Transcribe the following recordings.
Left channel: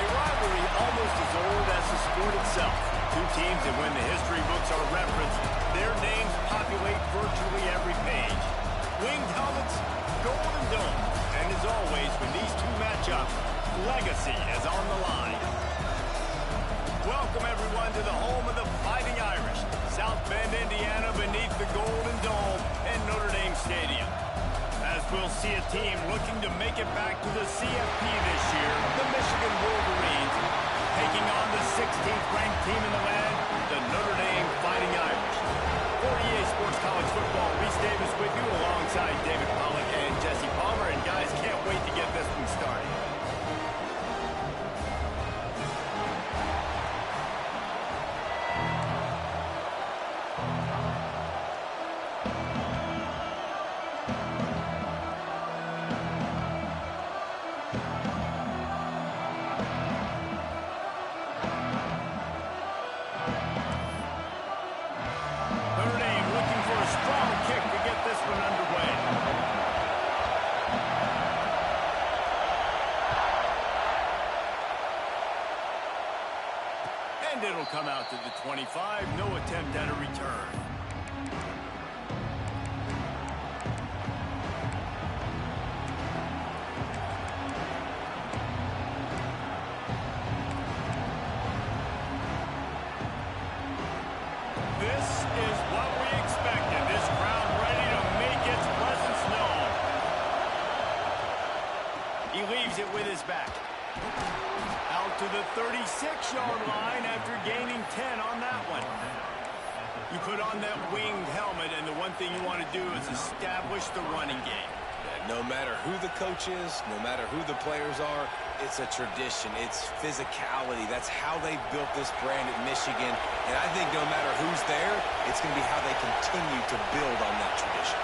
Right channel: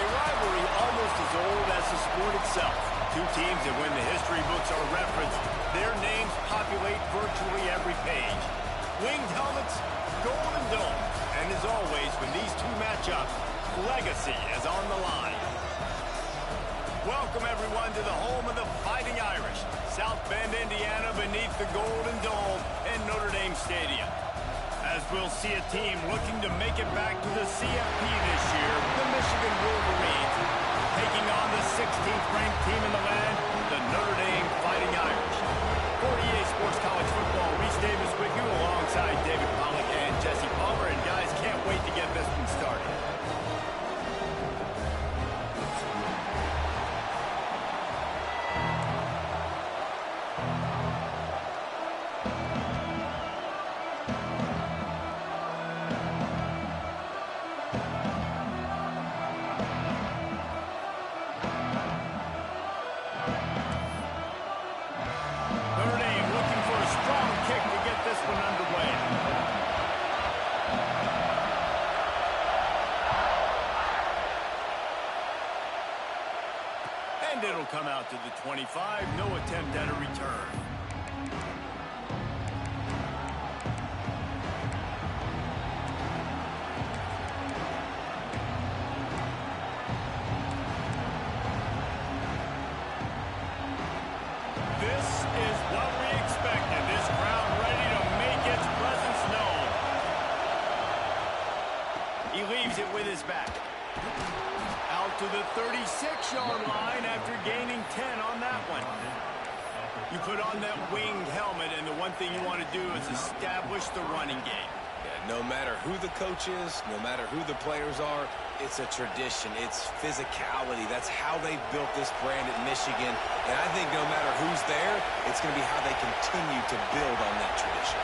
A rivalry almost as old as the sport itself. Two teams that when the history books are referenced, their names populate virtually every page. Winged helmets, golden domes, and as always, when these two match up, legacy is on the line. Welcome everyone to the home of the Fighting Irish, South Bend, Indiana, beneath the Golden Dome and Notre Dame Stadium. As we'll see a team looking to make it back to the CFP this year, the Michigan Wolverines, taking on the 16th ranked team in the land, the Notre Dame Fighting Irish. For EA Sports College Football, Reese Davis with you alongside David Pollack and Jesse Palmer. And guys, can't wait to get this one started. And it'll come out to the 25. No attempt at a return. This is what we expected. This crowd ready to make its presence known. He leaves it with his back. Out to the 36-yard line after gaining 10 on that one. You put on that winged helmet, and the one thing you want to do is establish the running game. Yeah, no matter who the coach is, no matter who the players are, it's a tradition. It's physicality. That's how they built this brand at Michigan. And I think no matter who's there, it's going to be how they continue to build on that tradition.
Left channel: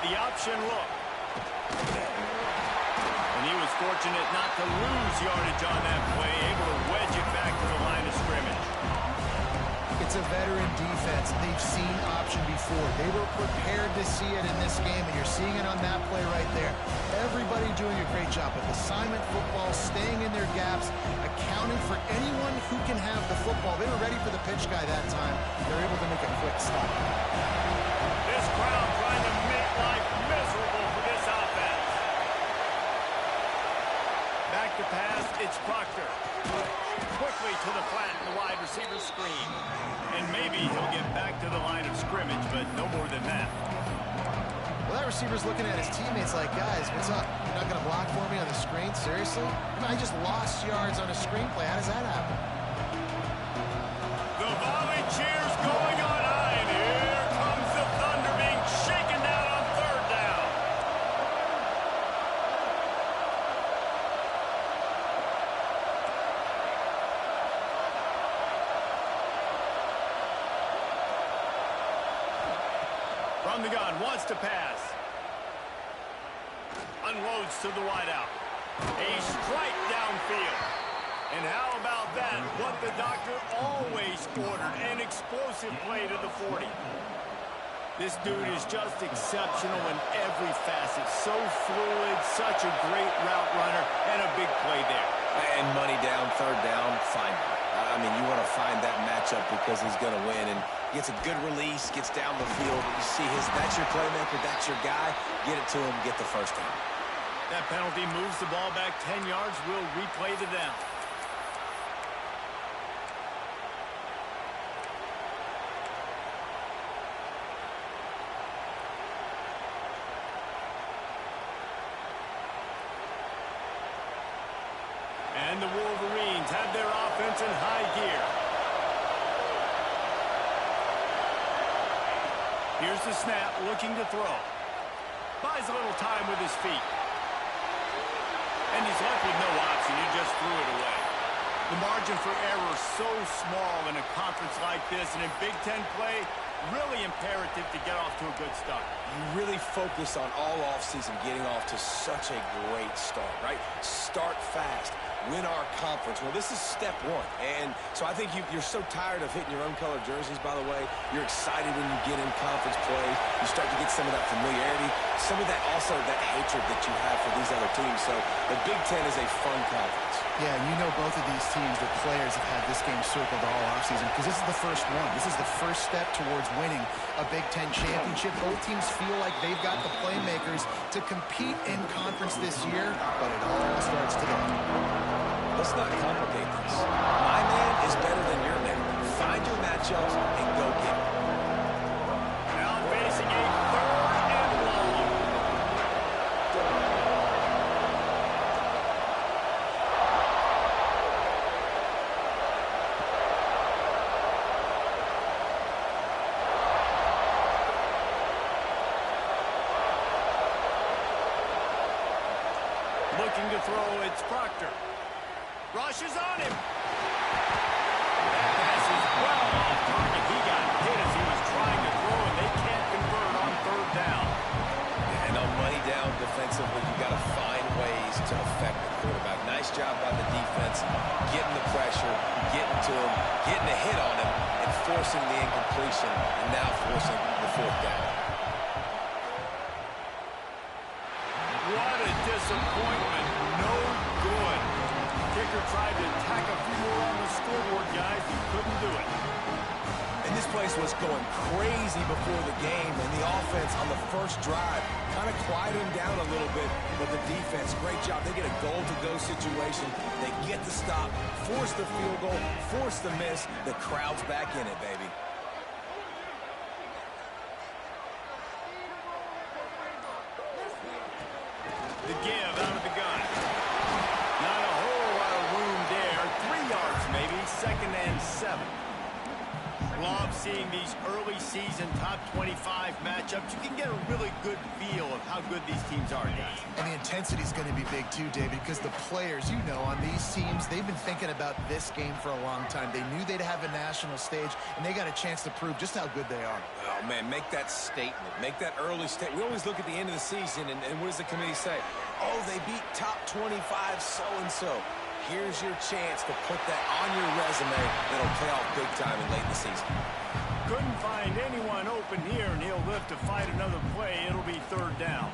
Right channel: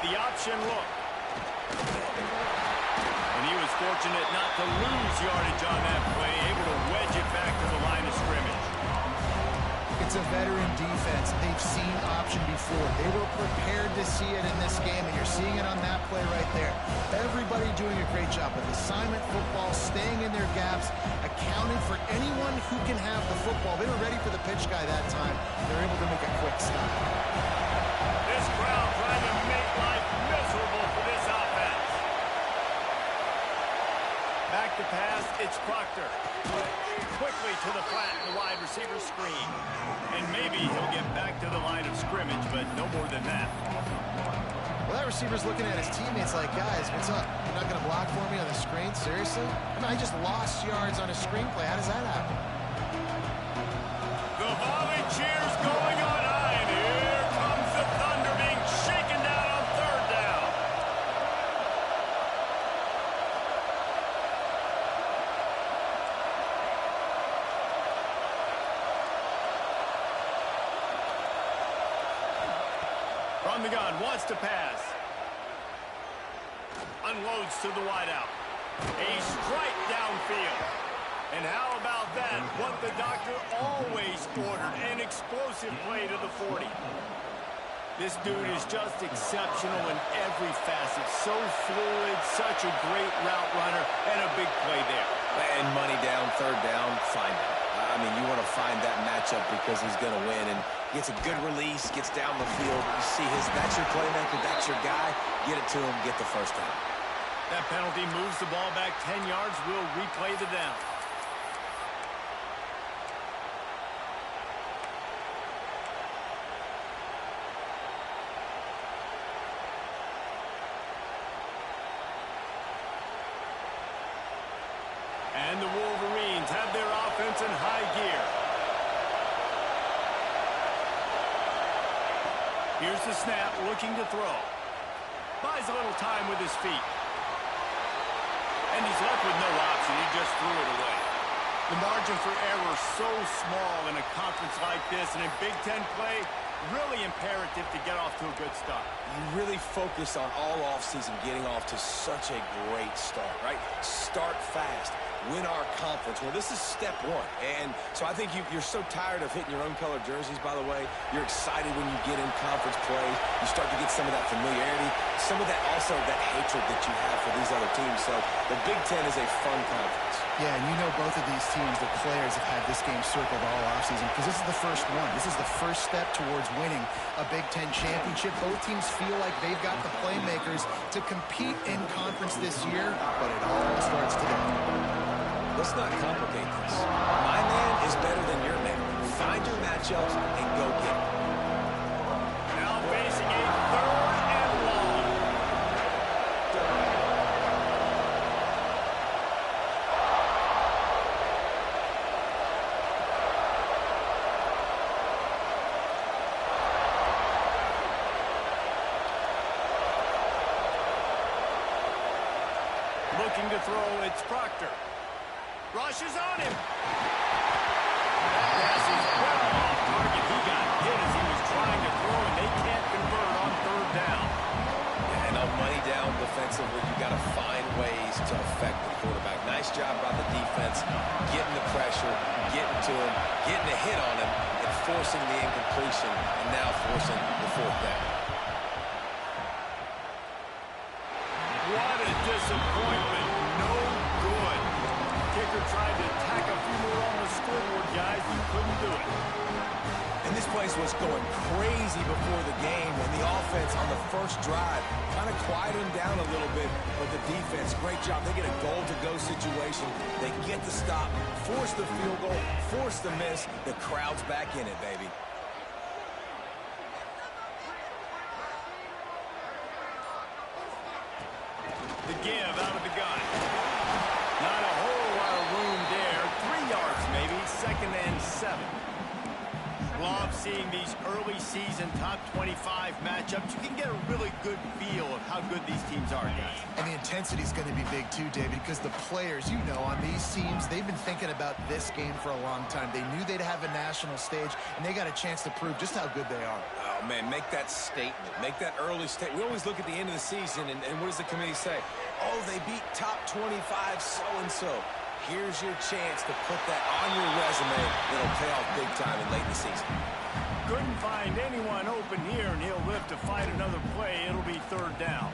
The option look. And he was fortunate not to lose yardage on that play, able to wedge it back to the line of scrimmage. It's a veteran defense. They've seen option before. They were prepared to see it in this game, and you're seeing it on that play right there. Everybody doing a great job with assignment football, staying in their gaps, accounting for anyone who can have the football. They were ready for the pitch guy that time. They're able to make a quick stop. This crowd trying to make life miserable for this offense. Back to pass, it's Proctor. Quickly to the flat in the wide receiver screen. And maybe he'll get back to the line of scrimmage, but no more than that. Well, that receiver's looking at his teammates like, guys, what's up? You're not going to block for me on the screen? Seriously? I mean, I just lost yards on a screenplay. How does that happen? The volley cheers going on high, and here comes the Thunder being shaken down on third down. From the gun, wants to pass. Unloads to the wideout. A strike downfield. And how about that? What the doctor always ordered, an explosive play to the 40. This dude is just exceptional in every facet. So fluid, such a great route runner, and a big play there. And money down, third down, find him. I mean, you want to find that matchup because he's going to win. And gets a good release, gets down the field. You see that's your playmaker, that's your guy. Get it to him, get the first down. That penalty moves the ball back 10 yards. We'll replay the down. And the Wolverines have their offense in high gear. Here's the snap, looking to throw. Buys a little time with his feet. And he's left with no option. He just threw it away. The margin for error so small in a conference like this, and in Big Ten play, really imperative to get off to a good start. You really focus on all offseason getting off to such a great start, right? Start fast. win our conference. Well, this is step one. And so I think you're so tired of hitting your own color jerseys, by the way. You're excited when you get in conference plays. You start to get some of that familiarity, some of that also that hatred that you have for these other teams. So the Big Ten is a fun conference. Yeah, and you know both of these teams, the players have had this game circled all offseason because this is the first one. This is the first step towards winning a Big Ten championship. Both teams feel like they've got the playmakers to compete in conference this year, but it all starts today. Let's not complicate this. My man is better than your man. Find your matchups and go get it. Now facing a 3rd and long. Looking to throw, it's Proctor. Rushes on him. That pass is well off target. He got hit as he was trying to throw, and they can't convert on 3rd down. Yeah, and on money down defensively, you got to find ways to affect the quarterback. Nice job by the defense, getting the pressure, getting to him, getting a hit on him, and forcing the incompletion, and now forcing the 4th down. What a disappointment. No good. Kicker tried to tack a few more on the scoreboard, guys. He couldn't do it. And this place was going crazy before the game, and the offense on the first drive kind of quieted them down a little bit, but the defense, great job. They get a goal-to-go situation. They get the stop, force the field goal, force the miss. The crowd's back in it, baby. The give out of the gun. Not a whole lot of room there. 3 yards maybe. 2nd and 7. Love seeing these early season top 25 matchups. You can get a really good feel of how good these teams are, guys. And the intensity is going to be big too, David, because the players, you know, on these teams, they've been thinking about this game for a long time. They knew they'd have a national stage, and they got a chance to prove just how good they are. Oh, man, make that statement. Make that early statement. We always look at the end of the season, and what does the committee say? Oh, they beat top 25 so-and-so. Here's your chance to put that on your resume that'll pay off big time and late in the season. Couldn't find anyone open here, and he'll live to fight another play. It'll be 3rd down.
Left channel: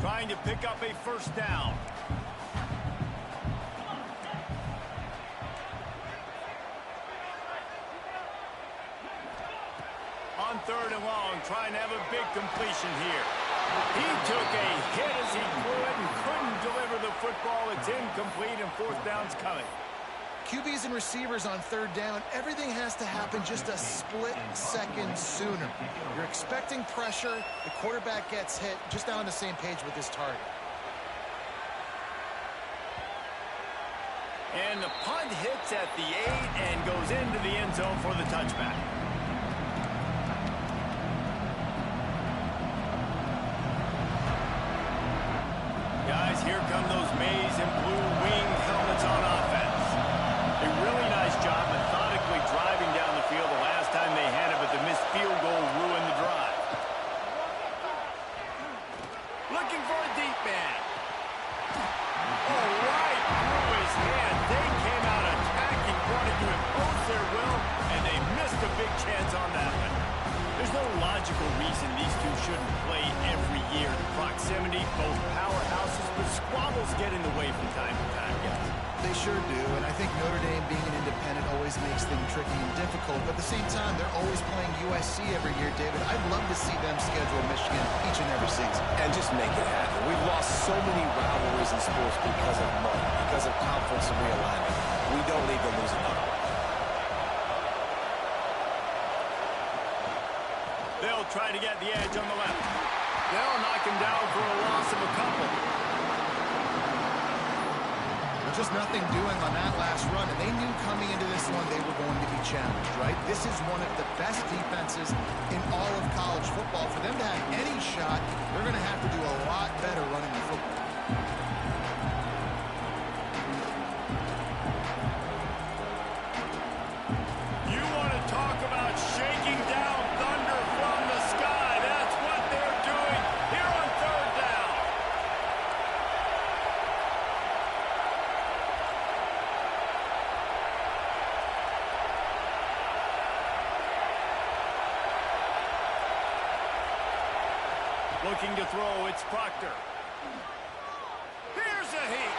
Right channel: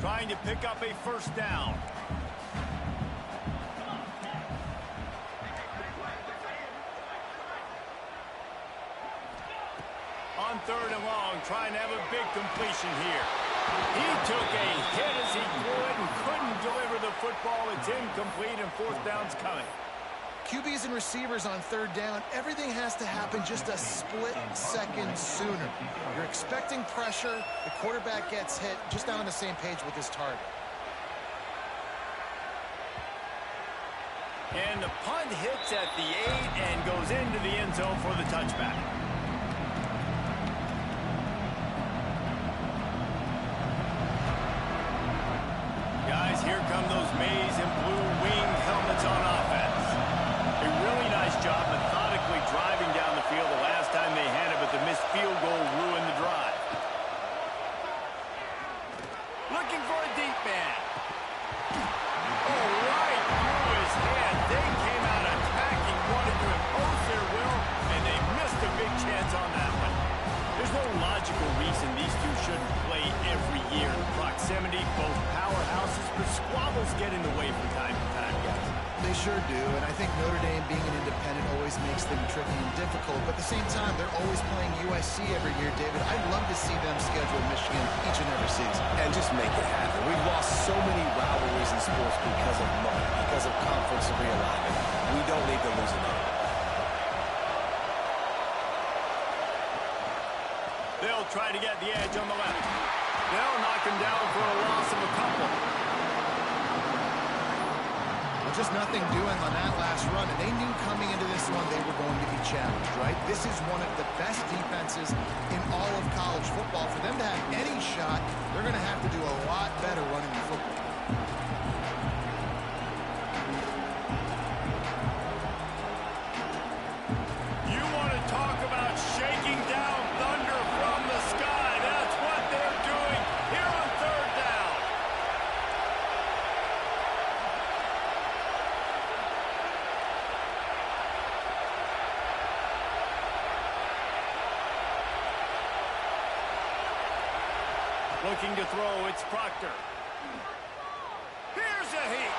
Trying to pick up a 1st down. On 3rd and long, trying to have a big completion here. He took a hit as he threw it and couldn't deliver the football. It's incomplete, and 4th down's coming. QBs and receivers on 3rd down, everything has to happen just a split second sooner. You're expecting pressure, the quarterback gets hit, just not on the same page with his target. And the punt hits at the 8 and goes into the end zone for the touchback. Guys, here come those maize and blue wing helmets on offense. A really nice job methodically driving down the field the last time they had it, but the missed field goal ruined the drive. Looking for a deep man. Oh, right through his hand. They came out attacking, wanted to impose their will, and they missed a big chance on that one. There's no logical reason these two shouldn't play every year. The proximity, both powerhouses, but squabbles get in the way from time to time, guys. They sure do, and I think Notre Dame being an independent always makes things tricky and difficult, but at the same time, they're always playing USC every year, David. I'd love to see them schedule Michigan each and every season. And just make it happen. We've lost so many rivalries in sports because of money, because of conference realignment. We don't need to lose another one. They'll try to get the edge on the left. They'll knock him down for a loss of a couple. Well, just nothing doing on that last run, and they knew coming into this one they were going to be challenged, right? This is one of the best defenses in all of college football. For them to have any shot, they're going to have to do a lot better running the football. Looking to throw, it's Proctor. Here's a heat.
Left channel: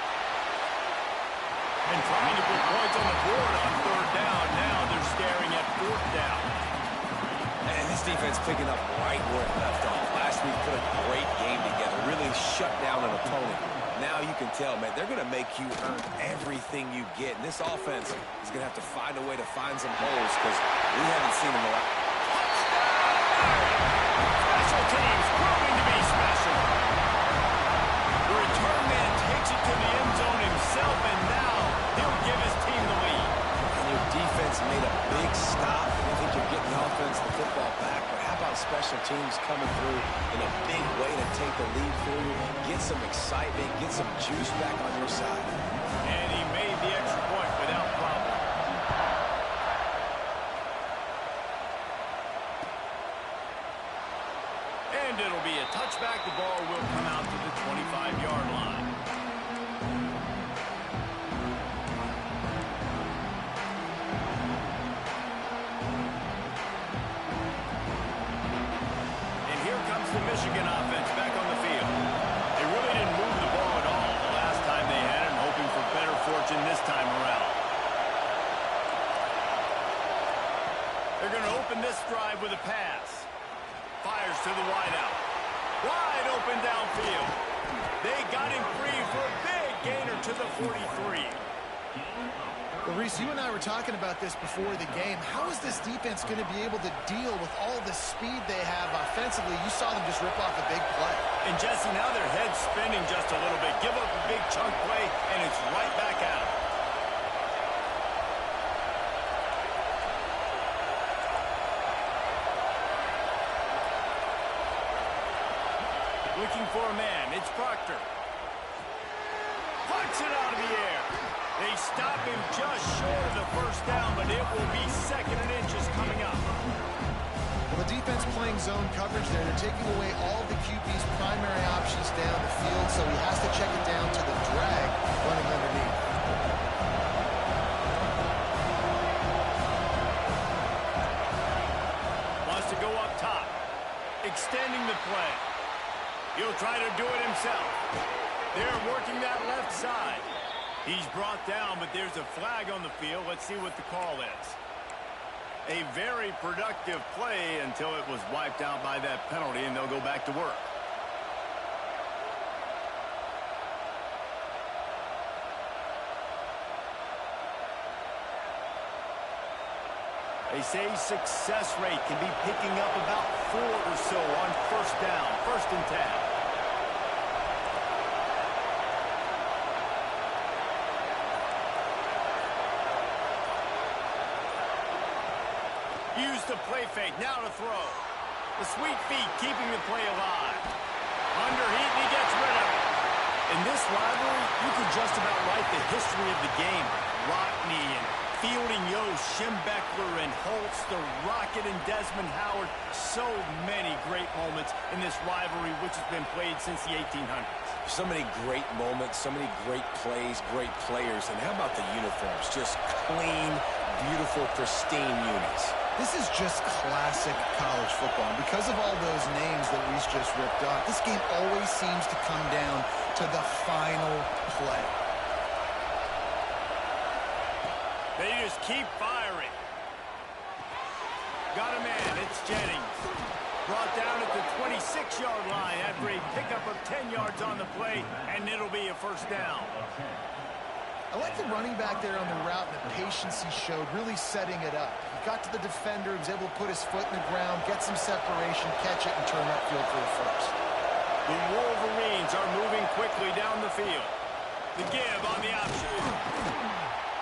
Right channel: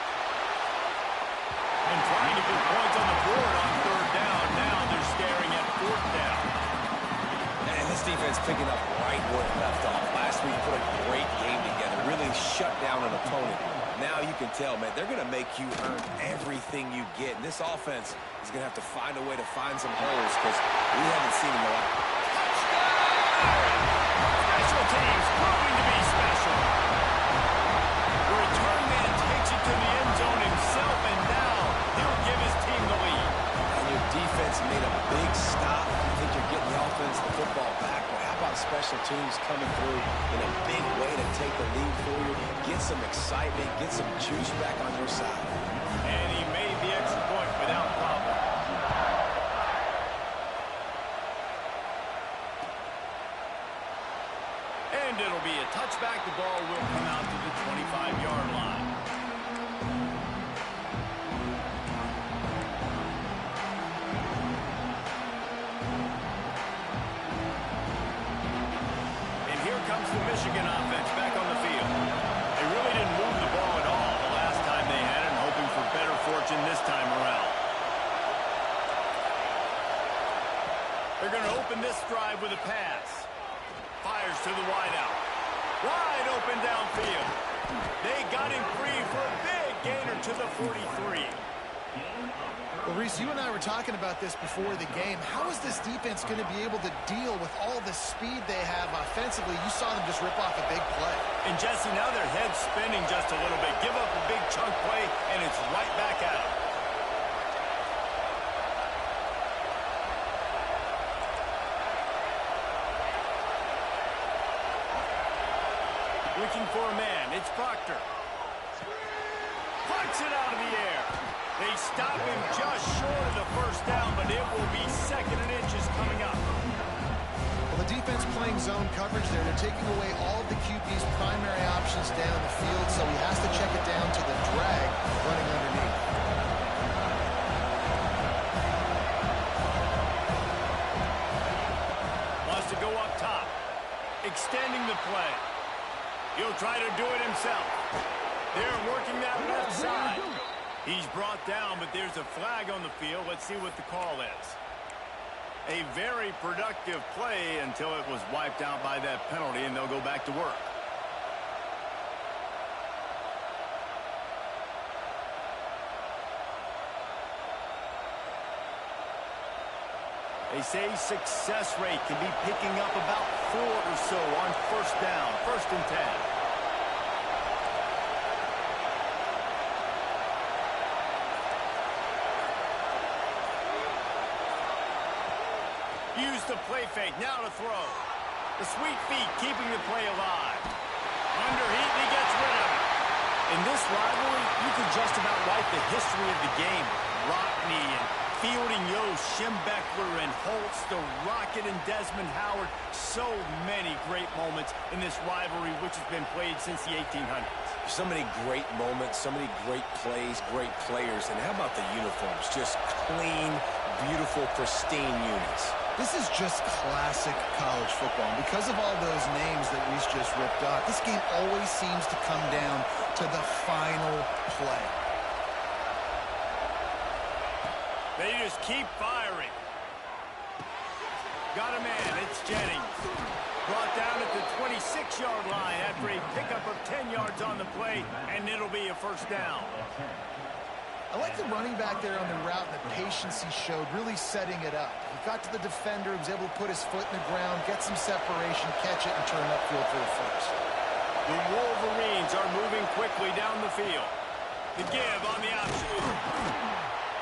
And trying to put points on the board on third down. Now they're staring at fourth down. And this defense picking up right where it left off. Last week put a great game together, really shut down an opponent. Now you can tell, man, they're going to make you earn everything you get. And this offense is going to have to find a way to find some holes because we haven't seen them a lot. Touchdown! Special teams proving to be special. The return man takes it to the end zone himself, and now he'll give his team the lead. And your defense made a big stop. I think you're getting the offense, the football back, but how about special teams coming through in a big way to take the lead for you, get some excitement, get some juice back on your side. And he made the extra point without problem. And it'll be a touchback. The ball will come out to the 25-yard line. The Michigan offense back on the field. They really didn't move the ball at all the last time they had it, and hoping for better fortune this time around. They're going to open this drive with a pass. Fires to the wideout. Wide open downfield. They got him free for a big gainer to the 43. Well, Reese, you and I were talking about this before the game. How is this defense going to be able to deal with all the speed they have offensively? You saw them just rip off a big play. And, Jesse, now their head's spinning just a little bit. Give up a big chunk play, and it's right back at them. Looking for a man. It's Proctor. Puts it out of the air. They stop him just short of the first down, but it will be second and inches coming up. Well, the defense playing zone coverage there. They're taking away all of the QB's primary options down the field, so he has to check it down to the drag running underneath. Wants to go up top. Extending the play. He'll try to do it himself. They're working that left side. He's brought down, but there's a flag on the field. Let's see what the call is. A very productive play until it was wiped out by that penalty, and they'll go back to work. They say success rate can be picking up about 4 or so on first down, 1st and 10. Use the play fake, now to throw. The sweet feet keeping the play alive. Under heat, and he gets rid of it. In this rivalry, you could just about write the history of the game. Rockney and Fielding Yost, Schembechler and Holtz, the Rocket and Desmond Howard. So many great moments in this rivalry, which has been played since the 1800s. So many great moments, so many great plays, great players. And how about the uniforms? Just clean, beautiful, pristine units. This is just classic college football. And because of all those names that Reese just ripped off, this game always seems to come down to the final play. They just keep firing. Got a man. It's Jennings. Brought down at the 26-yard line after a pickup of 10 yards on the play, and it'll be a first down. I like the running back there on the route and the patience he showed, really setting it up. He got to the defender, he was able to put his foot in the ground, get some separation, catch it, and turn upfield for the first. The Wolverines are moving quickly down the field. The give on the option.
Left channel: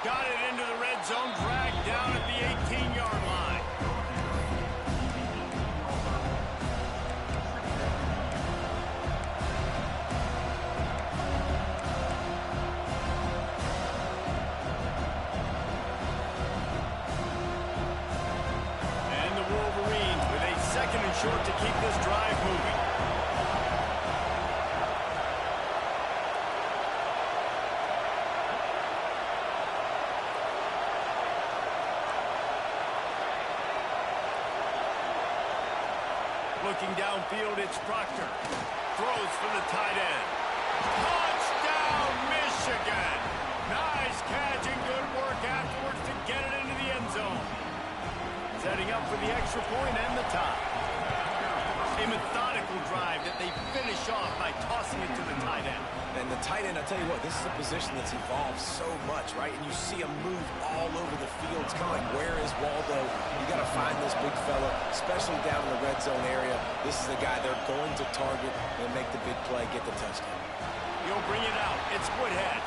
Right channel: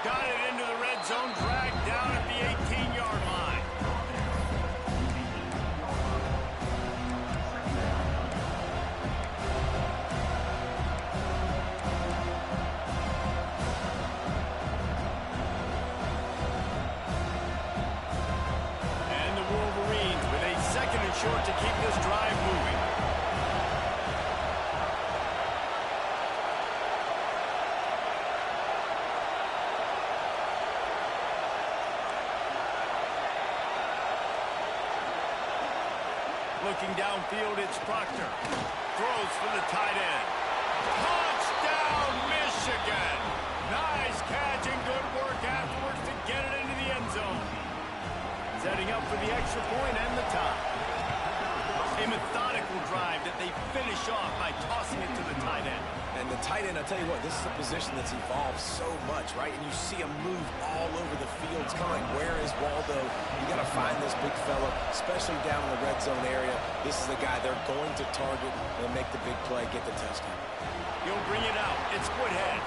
Got it into the red zone, dragged down at the 18-yard line. And the Wolverines with a 2nd and short to keep this drive moving. Looking downfield, it's Proctor. Throws for the tight end. Touchdown, Michigan! Nice catch and good work afterwards to get it into the end zone. Setting up for the extra point and the tie. A methodical drive that they finish off by tossing it to the tight end. And the tight end, I'll tell you what, this is a position that's evolved so much, right? And you see him move all over the field. It's kind of like, where is Waldo? You got to find this big fella, especially down in the red zone area. This is the guy they're going to target and make the big play, get the touchdown. He'll bring it out. It's Woodhead.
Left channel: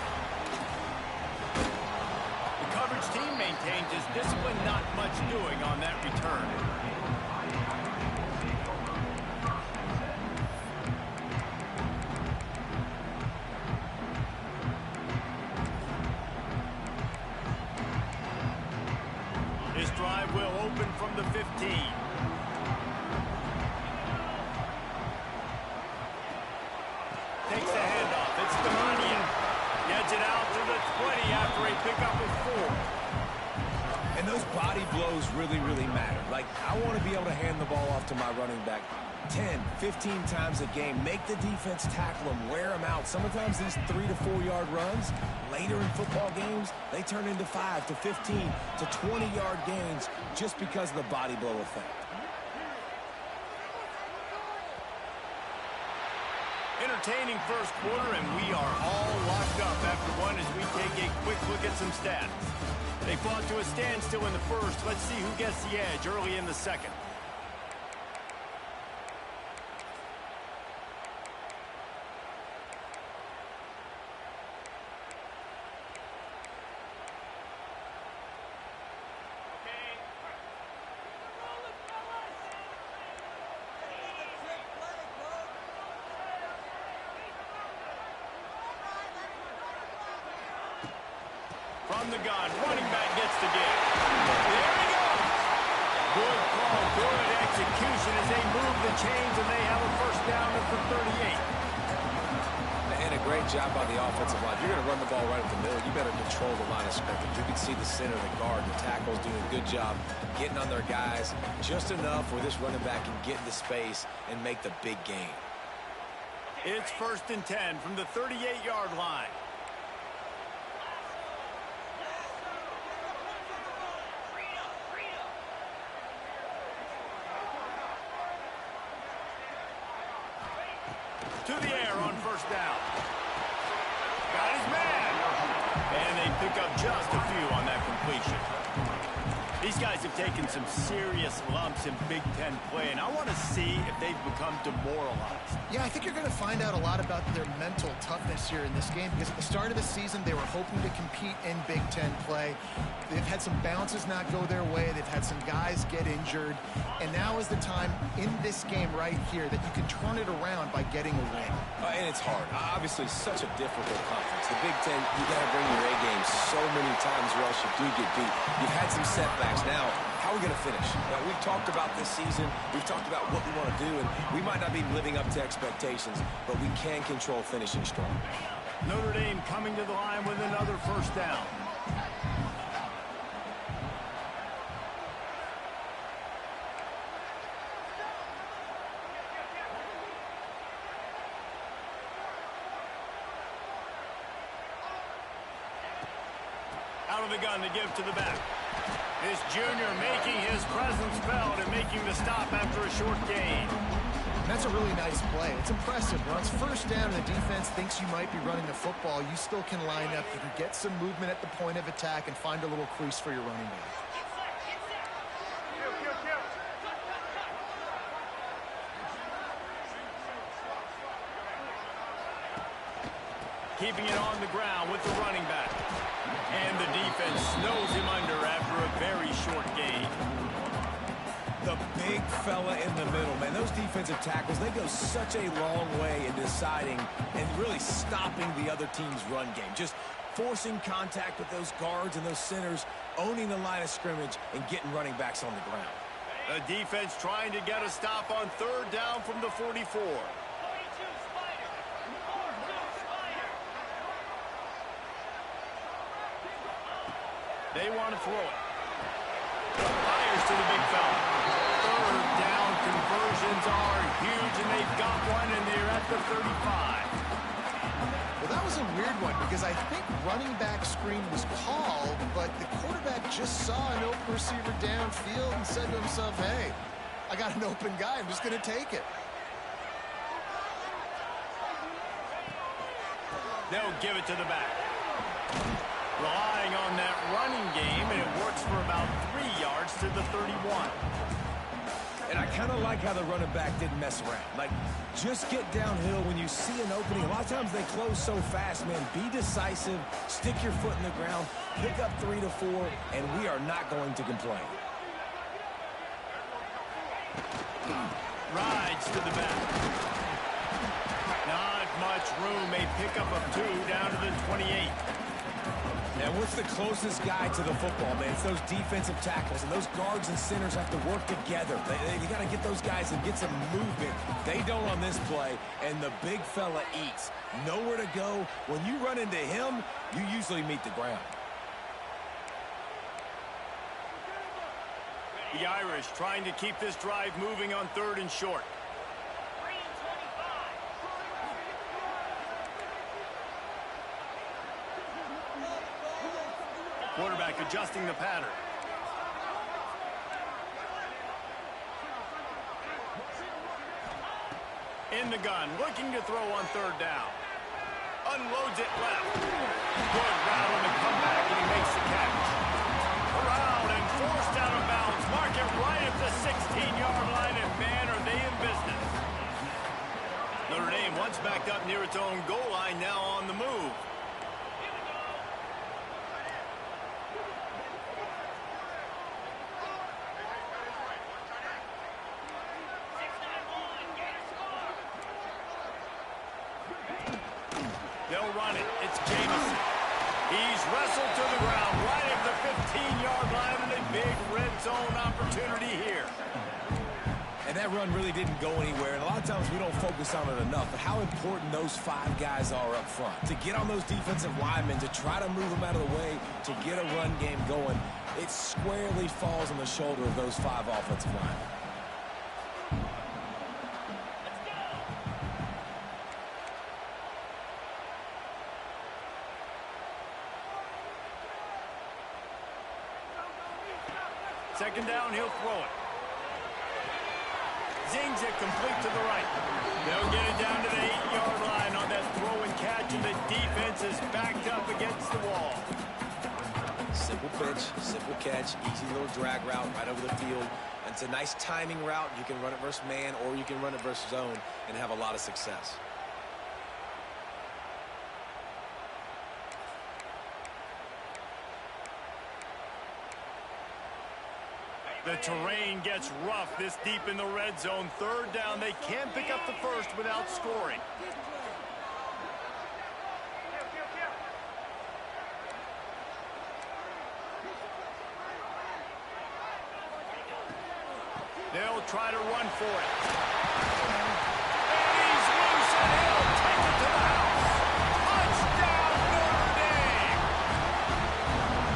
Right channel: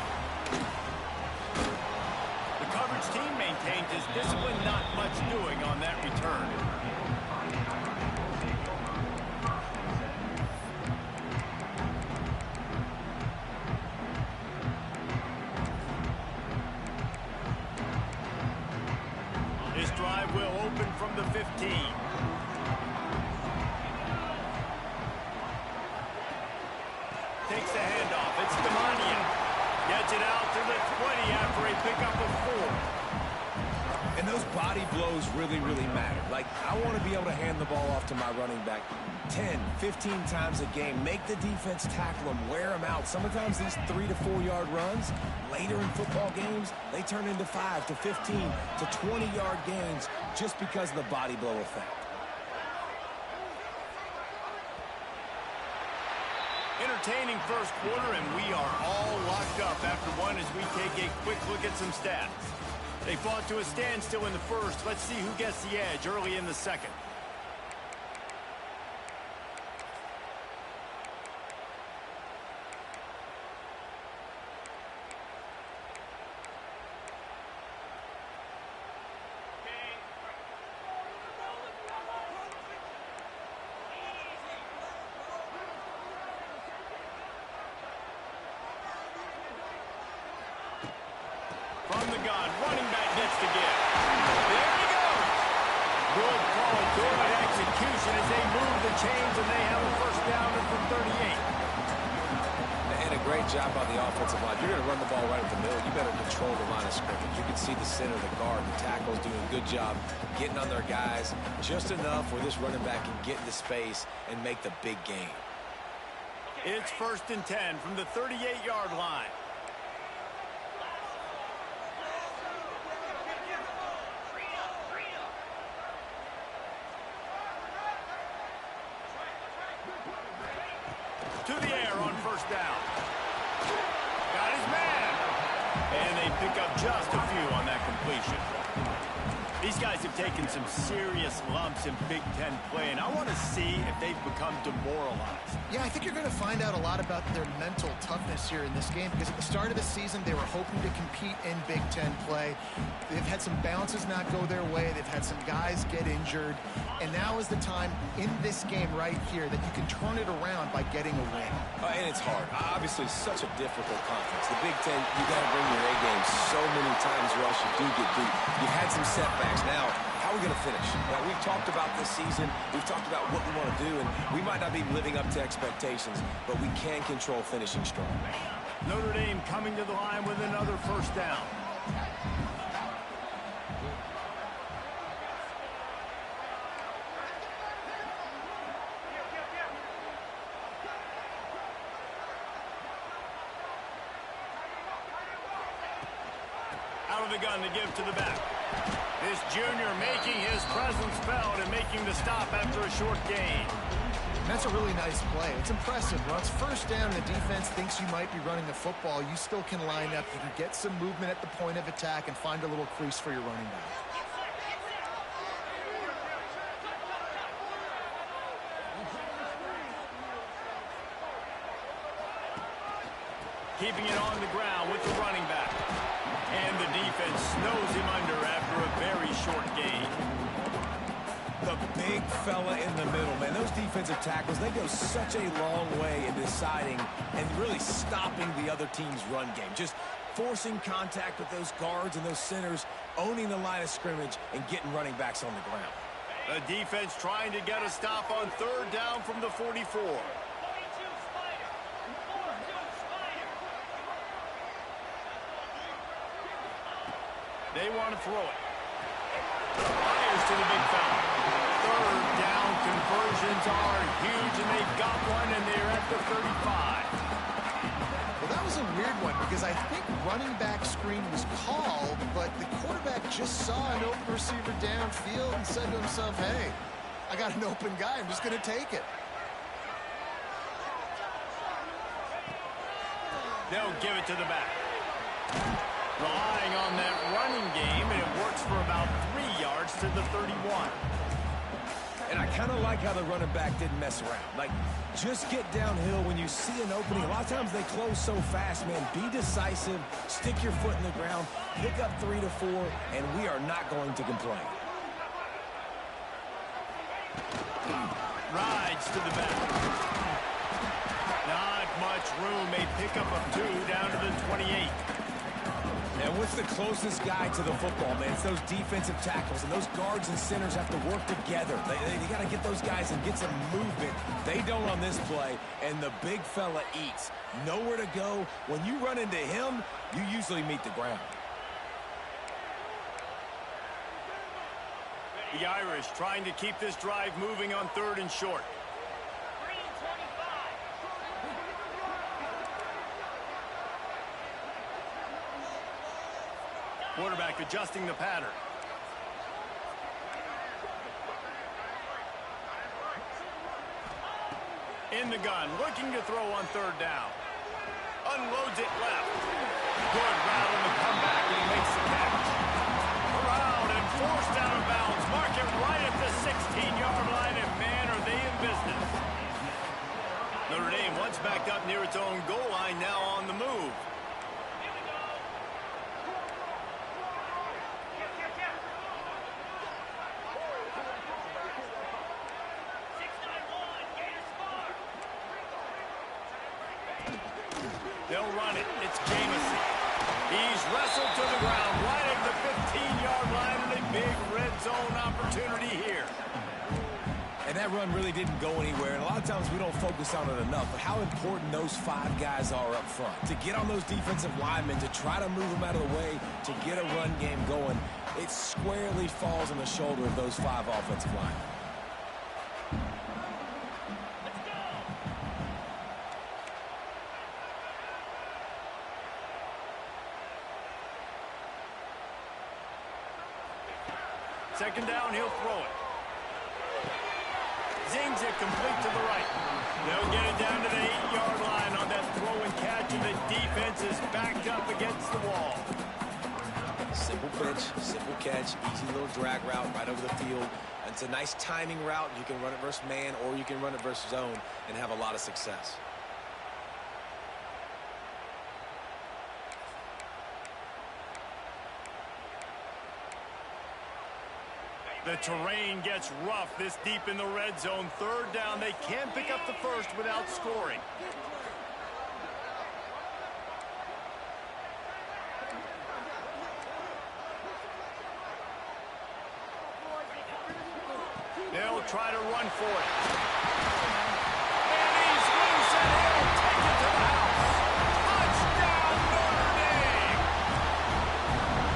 The coverage team maintains his discipline, not much doing on that return. This drive will open from the 15. Takes the handoff. It's Demania. Gets it out to the 20 after a pickup of 4. And those body blows really, really matter. Like, I want to be able to hand the ball off to my running back 10, 15 times a game. Make the defense tackle them, wear them out. Sometimes these 3 to 4 yard runs, later in football games, they turn into 5 to 15 to 20 yard gains just because of the body blow effect. Entertaining first quarter, and we are all locked up after one as we take a quick look at some stats. They fought to a standstill in the first. Let's see who gets the edge early in the second. From the gun, running back gets the give. There he goes. Good call, good execution as they move the chains, and they have a first down at the 38. And a great job by the offensive line. If you're going to run the ball right up the middle, you better control the line of scrimmage. You can see the center, the guard, the tackles doing a good job getting on their guys just enough where this running back can get into space and make the big game. It's 1st and 10 from the 38-yard line. To the air on first down. Got his man. And they pick up just a few on that completion. These guys have taken some serious lumps in Big Ten play, and I want to see if they've become demoralized. Yeah, I think you're going to find out a lot about their mental toughness here in this game, because at the start of the season, they were hoping to compete in Big Ten play. They've had some bounces not go their way. They've had some guys get injured. And now is the time in this game right here that you can turn it around by getting a win. And it's hard. Obviously, such a difficult conference. The Big Ten, you got to bring your A game so many times or else you do get beat. You've had some setbacks. Now, how are we going to finish? Now, we've talked about this season. We've talked about what we want to do, and we might not be living up to expectations, but we can control finishing strong. Notre Dame coming to the line with another first down. Out of the gun to give to the back. This junior making his presence felt and making the stop after a short gain. That's a really nice play. It's impressive. Once first down and the defense thinks you might be running the football, you still can line up. You can get some movement at the point of attack and find a little crease for your running back. Keeping it on the ground with the running back. And the defense snows him under after a very short gain. The big fella in the middle, man. Those defensive tackles, they go such a long way in deciding and really stopping the other team's run game. Just forcing contact with those guards and those centers, owning the line of scrimmage, and getting running backs on the ground. The defense trying to get a stop on third down from the 44. They want to throw it. Fires to the big fella. Third down conversions are huge, and they've got one, and they're at the 35. Well, that was a weird one because I think running back screen was called, but the quarterback just saw an open receiver downfield and said to himself, hey, I got an open guy. I'm just going to take it. They'll give it to the back. Relying on that running game, and it works for about 3 yards to the 31. And I kind of like how the running back didn't mess around. Like, just get downhill when you see an opening. A lot of times they close so fast, man. Be decisive, stick your foot in the ground, pick up 3 to 4, and we are not going to complain. Rides to the back. Not much room. A pickup of 2 down to the 28. And what's the closest guy to the football, man? It's those defensive tackles, and those guards and centers have to work together. They got to get those guys and get some movement. They don't on this play, and the big fella eats. Nowhere to go. When you run into him, you usually meet the ground. The Irish trying to keep this drive moving on 3rd and short. Quarterback adjusting the pattern. In the gun, looking to throw on 3rd down. Unloads it left. Good route on the comeback, and he makes the catch. Around and forced out of bounds. Mark it right at the 16-yard line, and man, are they in business. Notre Dame once backed up near its own goal line, now on the move. They'll run it. It's Jamison. He's wrestled to the ground right at the 15-yard line, and a big red zone opportunity here. And that run really didn't go anywhere, and a lot of times we don't focus on it enough, but how important those 5 guys are up front. To get on those defensive linemen, to try to move them out of the way, to get a run game going, it squarely falls on the shoulder of those 5 offensive linemen. Second down, he'll throw it. Zings it complete to the right. They'll get it down to the 8-yard line on that throw and catch, and the defense is backed up against the wall. Simple pitch, simple catch, easy little drag route right over the field. It's a nice timing route. You can run it versus man, or you can run it versus zone and have a lot of success. The terrain gets rough this deep in the red zone. 3rd down, they can't pick up the first without scoring. They'll try to run for it. And he's loose, and he'll take it to the house. Touchdown, Notre Dame!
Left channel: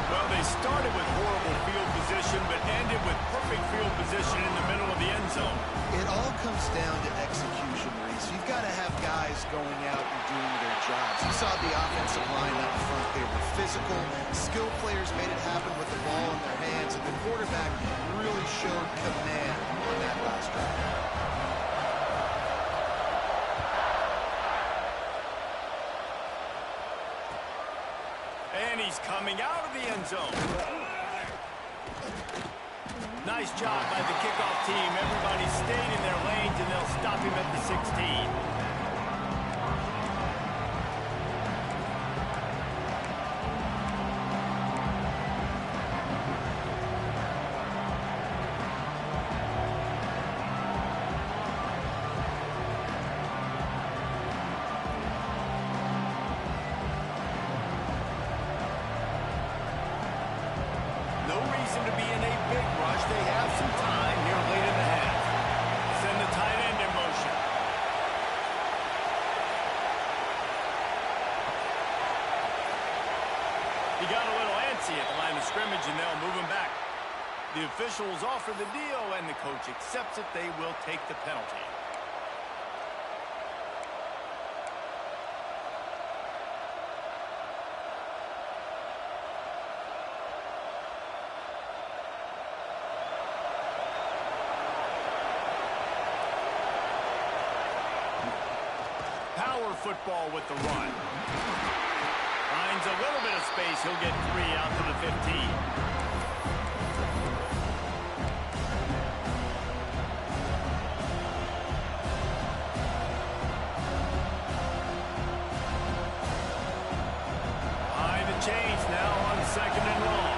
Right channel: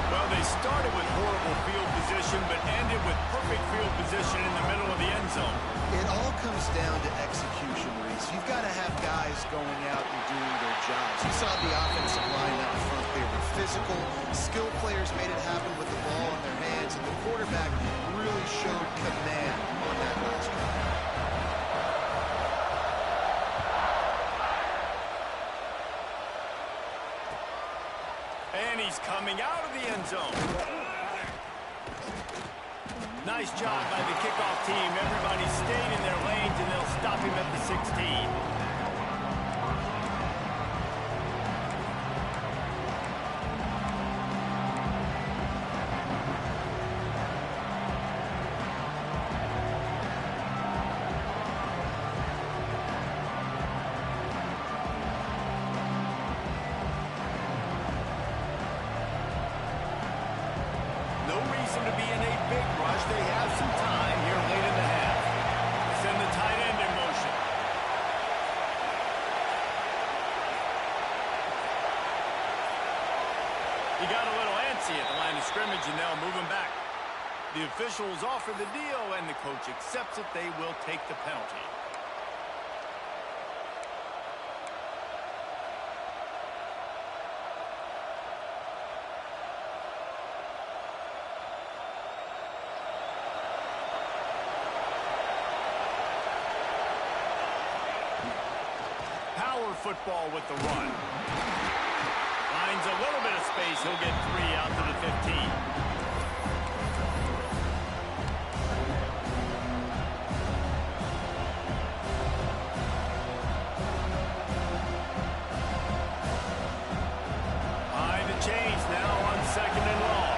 Well, they started with horrible field position, but ended with perfect field position in the middle of the end zone. It all comes down to execution, Reese. You've got to have guys going out and doing their jobs. You saw the offensive line out in front. They were physical. Skilled players made it happen with the ball in their hands, and the quarterback really showed command on that last drive. And he's coming out of the end zone. Nice job by the kickoff team. Everybody stayed in their lanes, and they'll stop him at the 16. No reason to be in a big rush. They have some time here late in the half. Send the tight end in motion. He got a little antsy at the line of scrimmage, and they'll move him back. The officials offer the deal, and the coach accepts it. They will take the penalty. Power football with the run. Finds a little bit of space. He'll get 3 out to the 15. Change now on 2nd and long.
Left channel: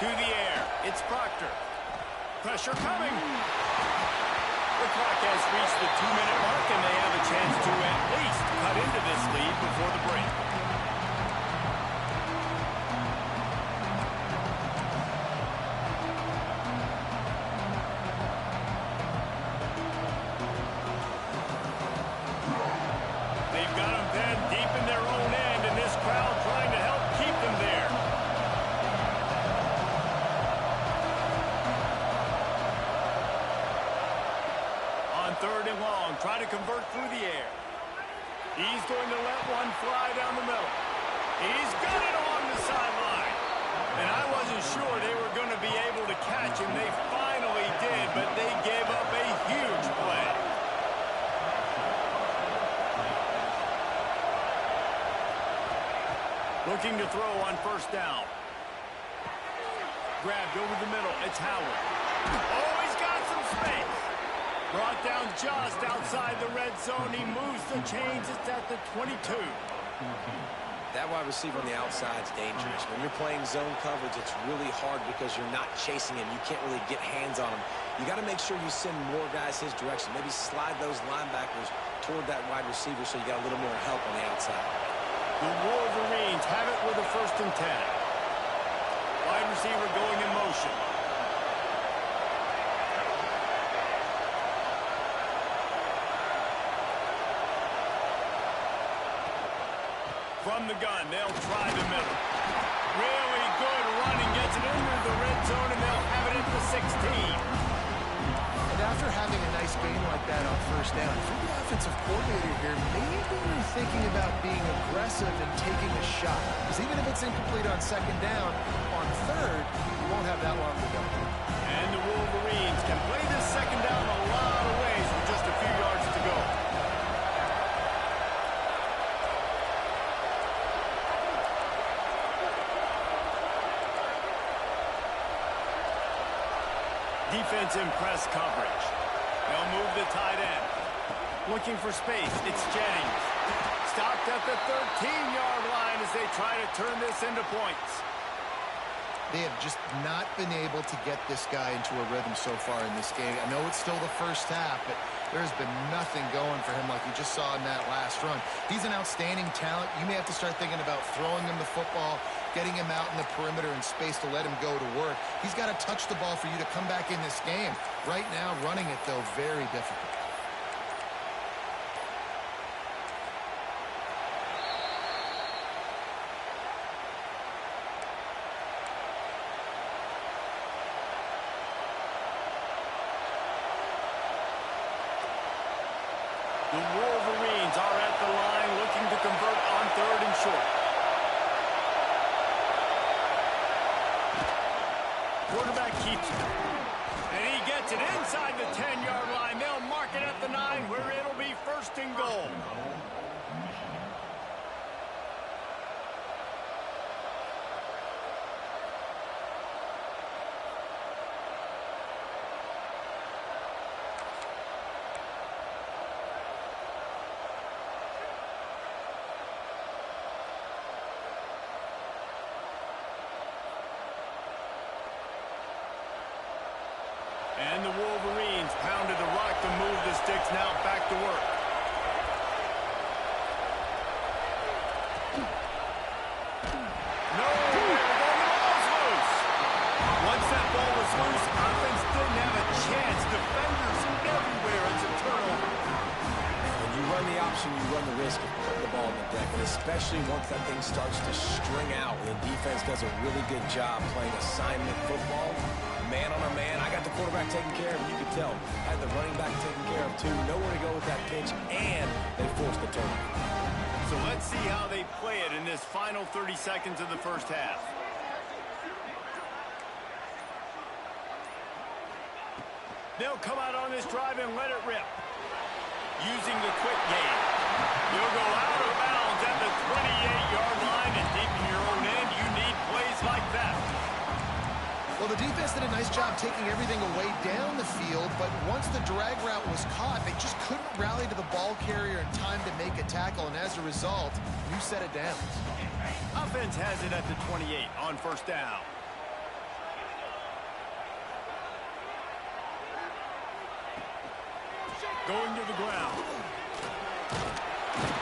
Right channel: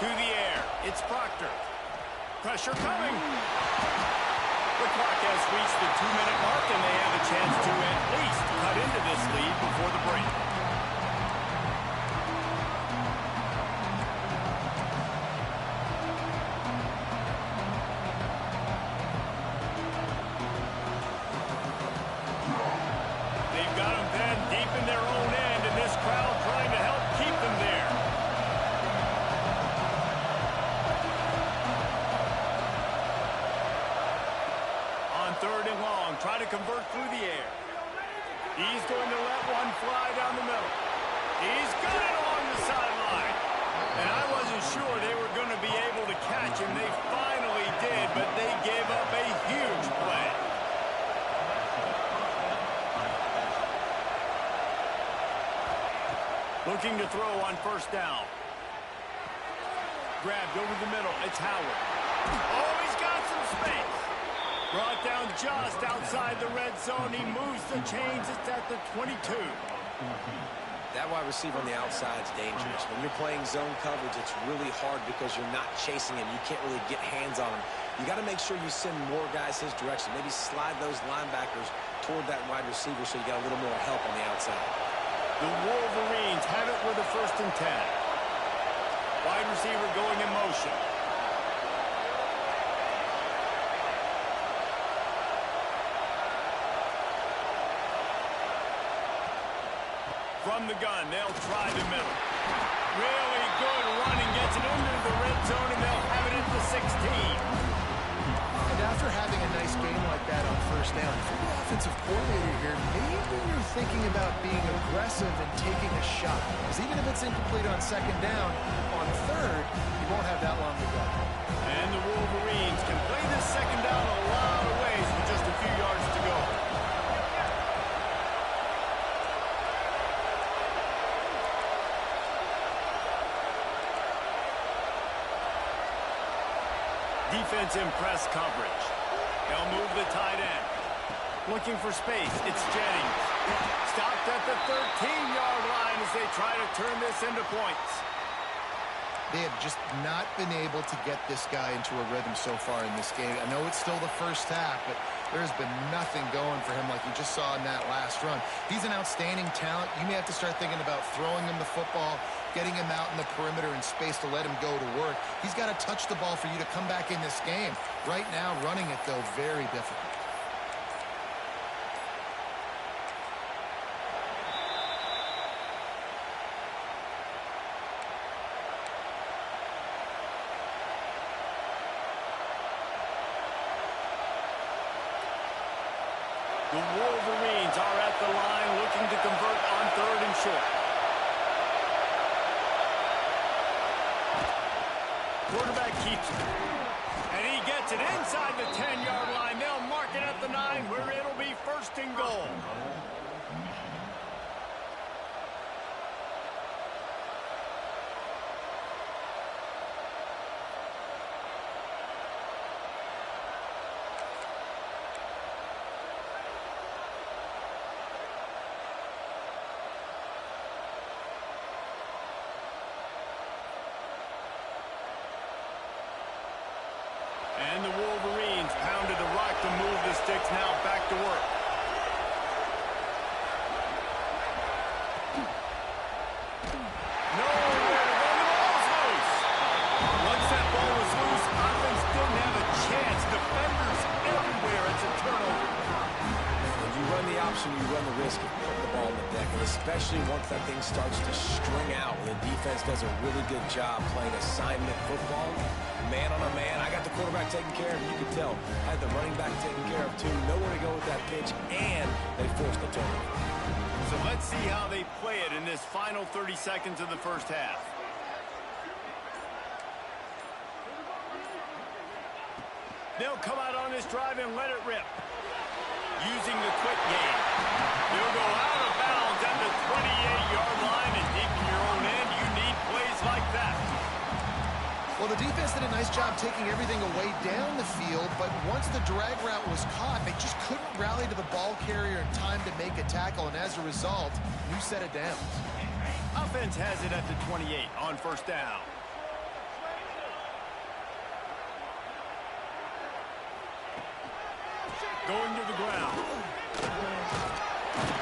To the air. It's Proctor. Pressure coming. The clock has reached the 2-minute mark, and they have a chance to at least cut into this lead before the break. Third and long, try to convert through the air. He's going to let one fly down the middle. He's got it along the sideline. And I wasn't sure they were going to be able to catch him. They finally did, but they gave up a huge play. Looking to throw on 1st down. Grabbed over the middle. It's Howard. Oh, he's got some space. Brought down just outside the red zone. He moves the chains. It's at the 22. That wide receiver on the outside is dangerous. When you're playing zone coverage, it's really hard because you're not chasing him. You can't really get hands on him. You got to make sure you send more guys his direction. Maybe slide those linebackers toward that wide receiver so you got a little more help on the outside. The Wolverines have it with a 1st and 10. Wide receiver going in motion. From the gun, they'll try the middle. Really good running, gets it into the red zone, and they'll have it at the 16. And after having a nice game like that on 1st down, if you're the offensive coordinator here, maybe you're thinking about being aggressive and taking a shot. Because even if it's incomplete on 2nd down, on 3rd, you won't have that long to go. And the Wolverines can play this 2nd down a lot of ways with just a few yards to go. Defense in press coverage. They'll move the tight end. Looking for space. It's Jennings. Stopped at the 13-yard line as they try to turn this into points. They have just not been able to get this guy into a rhythm so far in this game. I know it's still the 1st half, but there's been nothing going for him like you just saw in that last run. He's an outstanding talent. You may have to start thinking about throwing him the football, getting him out in the perimeter in space to let him go to work. He's got to touch the ball for you to come back in this game. Right now, running it, though, very difficult. The Wolverines are at the line looking to convert on 3rd and short. Quarterback keeps it. And he gets it inside the 10-yard line. They'll mark it at the 9 where it'll be 1st and goal. And the Wolverines pounded the rock to move the sticks, now back to work. Nowhere to go, the ball's loose. Once that ball was loose, offense didn't have a chance. Defenders everywhere, it's a turnover. When you run the option, you run the risk of putting the ball on the deck, and especially once that thing starts to string out, and the defense does a really good job playing assignment football, man on a man. I got the quarterback taken care of, and you could tell, had the running back taken care of too. Nowhere to go with that pitch, and they forced the turnover. So let's see how they play it in this final 30 seconds of the first half. They'll come out on this drive and let it rip. Using the quick game. You'll go out of bounds at the 28-yard line, and deep in your own end, you need plays like that. Well, the defense did a nice job taking everything away down the field, but once the drag route was caught, they just couldn't rally to the ball carrier in time to make a tackle, and as a result, new set of downs. Offense has it at the 28 on first down. Going to the ground.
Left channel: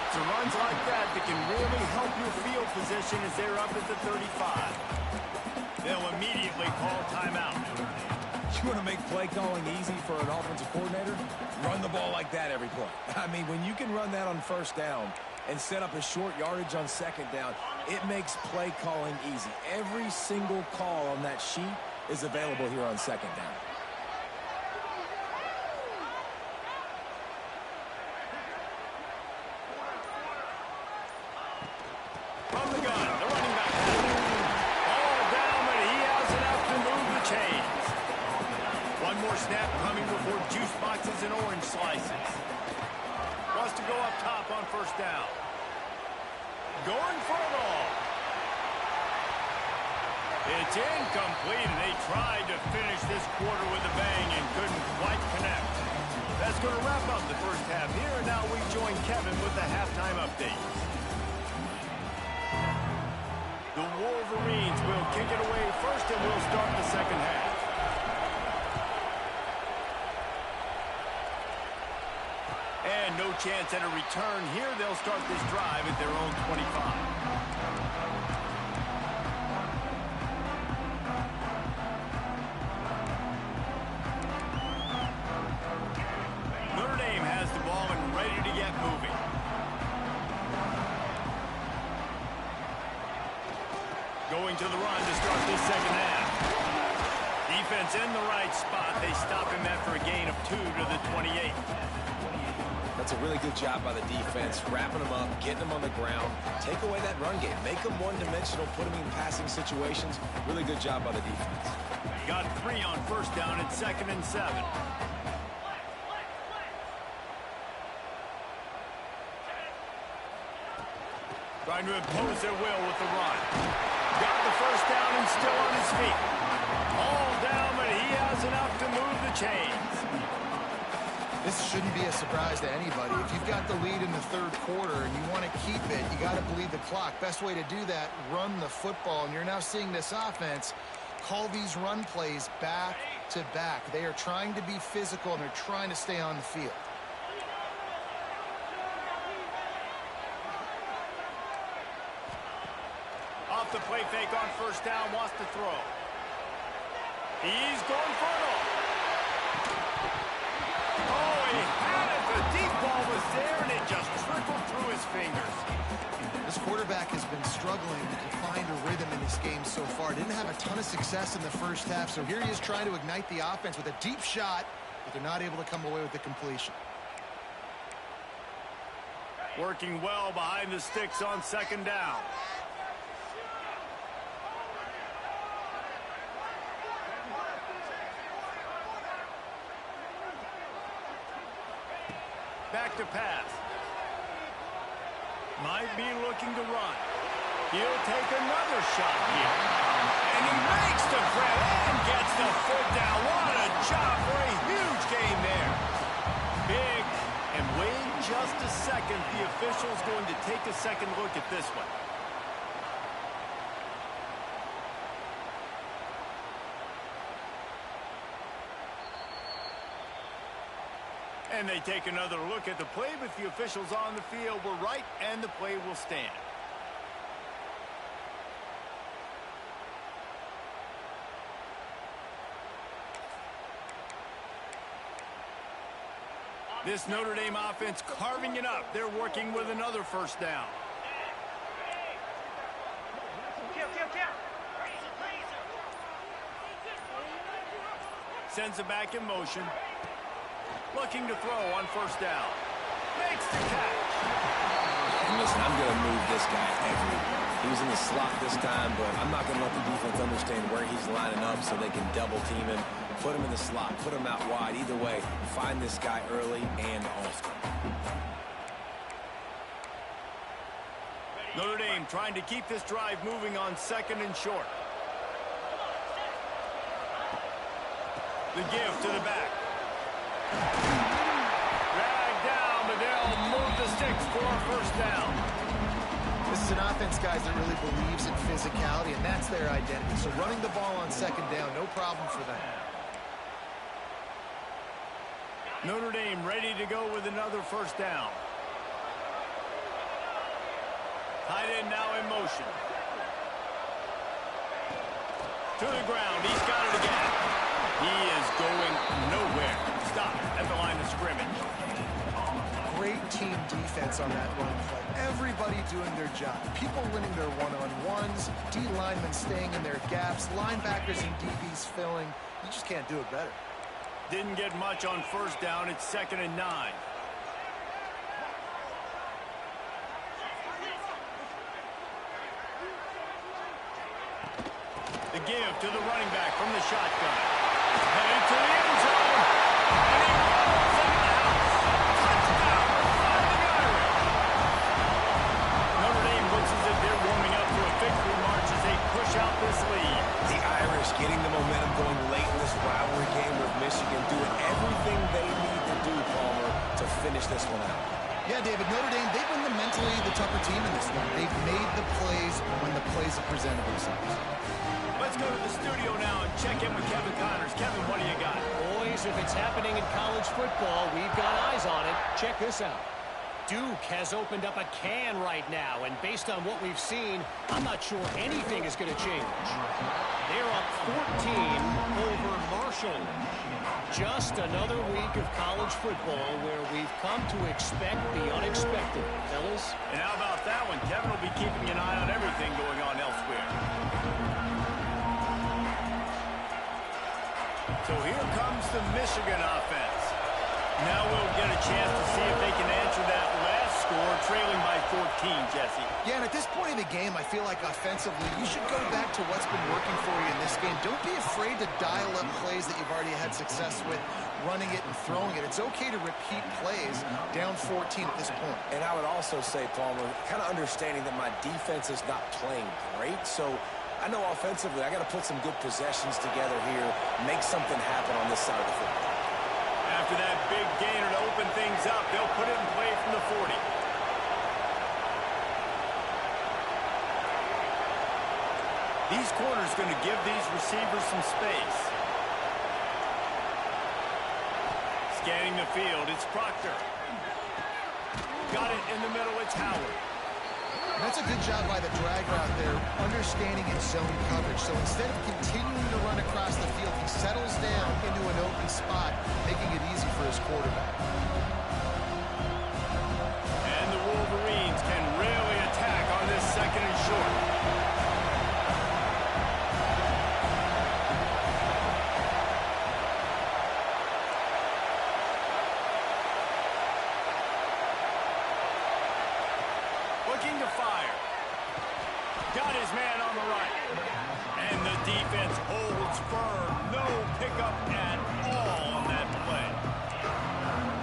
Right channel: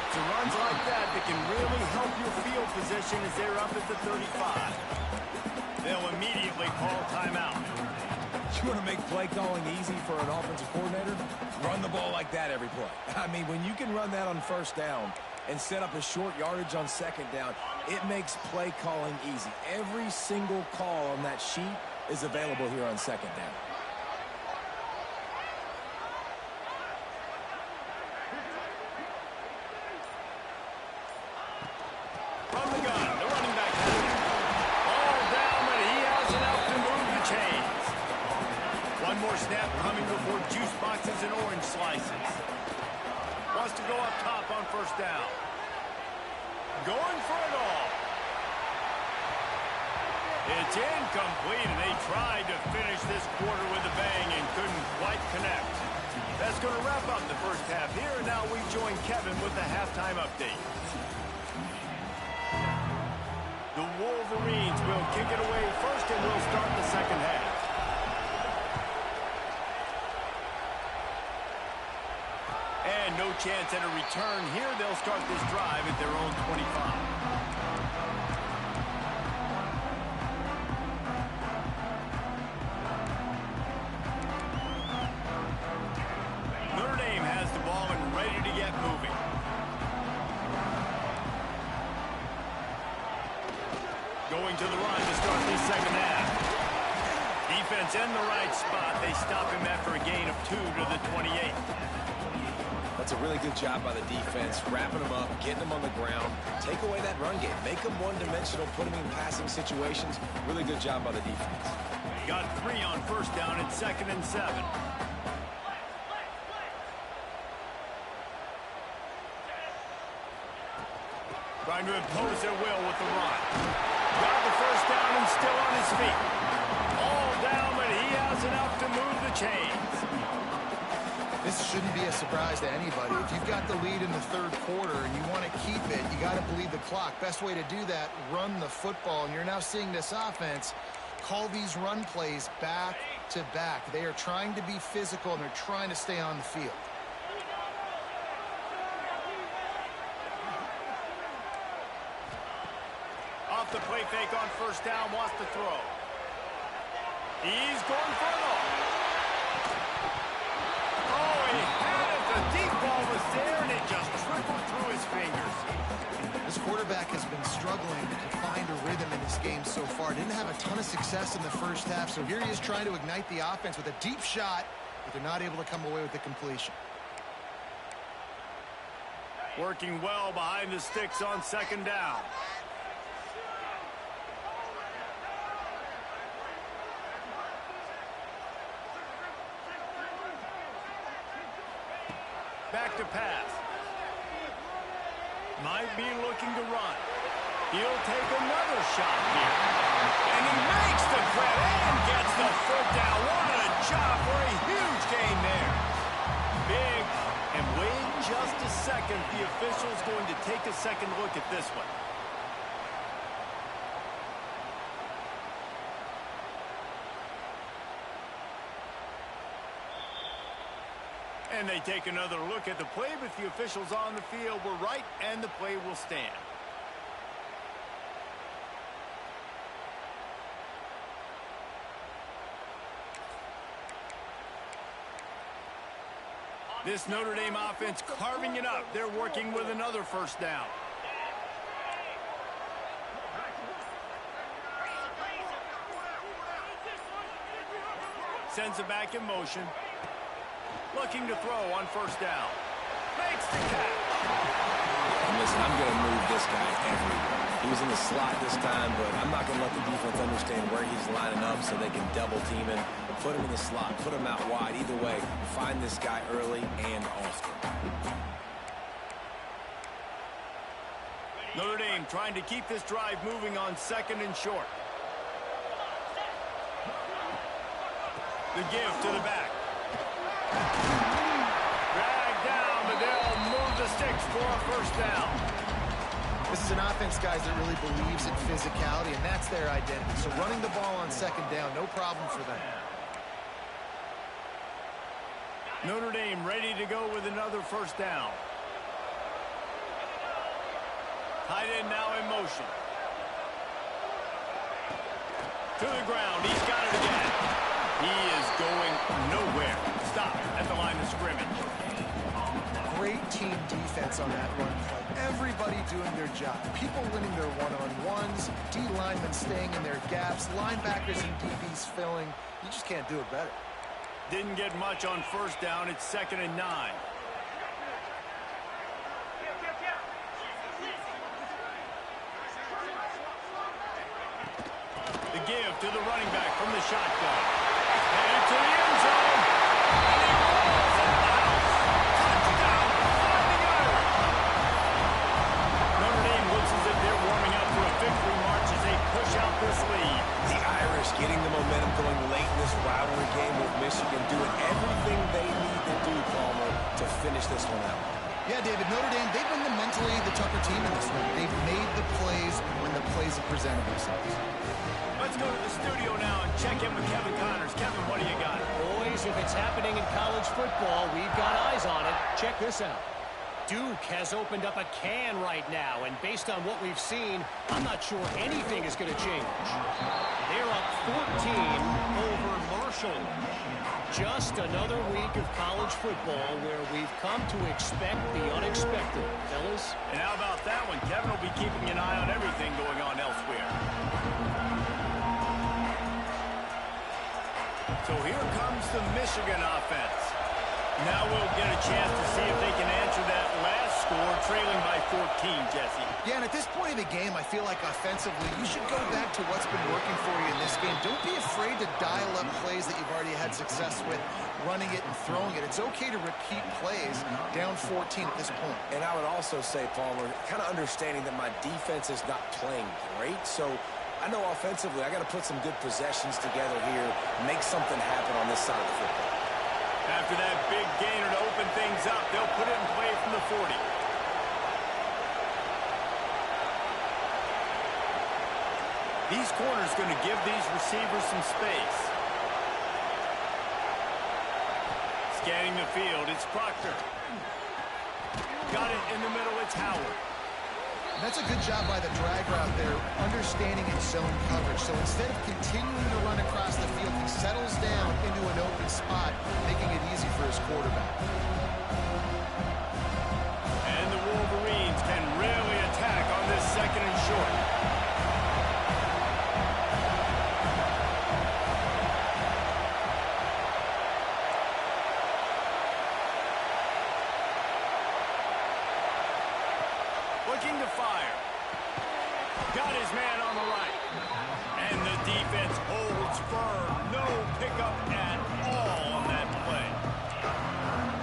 It's runs like that can really help your field position as they're up at the 35. They'll immediately call timeout. You want to make play calling easy for an offensive coordinator? Run the ball like that every play. I mean, when you can run that on first down and set up a short yardage on second down, it makes play calling easy. Every single call on that sheet is available here on second down. From the gun, the running back has it. All down, but he has enough to move the chains. One more snap coming before juice boxes and orange slices. Wants to go up top on first down. Going for it all. It's incomplete, and they tried to finish this quarter with a bang and couldn't quite connect. That's going to wrap up the first half here, and now we join Kevin with the halftime update. The Wolverines will kick it away first, and we'll start the second half. And no chance at a return here. They'll start this drive at their own 25. Notre Dame has the ball and ready to get moving. Going to the run to start this second half. Defense in the right spot. They stop him after a gain of 2 to the 28. That's a really good job by the defense, wrapping them up, getting them on the ground, take away that run game, make them one-dimensional, put them in passing situations. Really good job by the defense. Got 3 on first down and 2nd and 7. Trying to impose their will with the run. Got the first down and still on his feet. All down, but he has enough to move the chains. This shouldn't be a surprise to anybody. If you've got the lead in the third quarter and you want to keep it, you got to bleed the clock. Best way to do that, run the football. And you're now seeing this offense call these run plays back to back. They are trying to be physical, and they're trying to stay on the field. Off the play fake on first down, wants to throw. He's going for it all. Oh, he had it. The deep ball was there, and it just trickled through his fingers. This quarterback has been struggling to find a rhythm in this game so far. Didn't have a ton of success in the first half, so here he is trying to ignite the offense with a deep shot, but they're not able to come away with the completion. Working well behind the sticks on second down. Back to pass. Might be looking to run. He'll take another shot here. And he makes the grab and gets the foot down. What a job for a huge gain there. Big. And wait just a second. The official's going to take a second look at this one. And they take another look at the play, but the officials on the field were right, and the play will stand. This Notre Dame offense carving it up. They're working with another first down. Sends it back in motion. Looking to throw on first down. Makes the catch. And listen, I'm going to move this guy everywhere. He was in the slot this time, but I'm not going to let the defense understand where he's lining up so they can double team him. Put him in the slot, put him out wide. Either way, find this guy early and often. Notre Dame trying to keep this drive moving on 2nd and short. The give to the back. Drag down, but they'll move the sticks for a first down. This is an offense, guys, that really believes in physicality, and that's their identity. So running the ball on 2nd down, no problem for them. Notre Dame ready to go with another first down. Tight end now in motion. To the ground. He's got it again. He is going nowhere. Stop at the line of scrimmage. Great team defense on that run play. Everybody doing their job. People winning their one-on-ones. D linemen staying in their gaps. Linebackers and DBs filling. You just can't do it better. Didn't get much on first down. It's 2nd and 9. The give to the running back from the shotgun. Headed to the end zone. And he rolls into the house. Touchdown, Fighting Irish. Notre Dame looks as if they're warming up for a victory march as they push out this lead. The Irish getting the momentum going late in this rivalry game with Michigan, doing everything they need to do, Palmer, to finish this one out. Yeah, David, Notre Dame, they've been the mentally the tougher team in this one. They've made the plays when the plays have presented themselves. Let's go to the studio now and check in with Kevin Connors. Kevin, what do you got? Boys, if it's happening in college football, we've got eyes on it. Check this out. Duke has opened up a can right now, and based on what we've seen, I'm not sure anything is going to change. They're up 14 over Marshall. Just another week of college football where we've come to expect the unexpected, fellas. And how about that one? Kevin will be keeping an eye on everything going on elsewhere. So here comes the Michigan offense. Now we'll get a chance to see if they can answer that last score, trailing by 14, Jesse. Yeah, and at this point in the game, I feel like offensively, you should go back to what's been working for you in this game. Don't be afraid to dial up plays that you've already had success with, running it and throwing it. It's okay to repeat plays down 14 at this point. And I would also say, Palmer, kind of understanding that my defense is not playing great, so I know offensively I got to put some good possessions together here, make something happen on this side of the football. After that big gainer to open things up, they'll put it in play from the 40. These corners going to give these receivers some space. Scanning the field, it's Proctor. Got it in the middle, it's Howard. And that's a good job by the drag route there, understanding its zone coverage. So instead of continuing to run across the field, he settles down into an open spot, making it easy for his quarterback. And the Wolverines can really attack on this 2nd and short. Looking to fire. Got his man on the right. And the defense holds firm. No pickup at all on that play.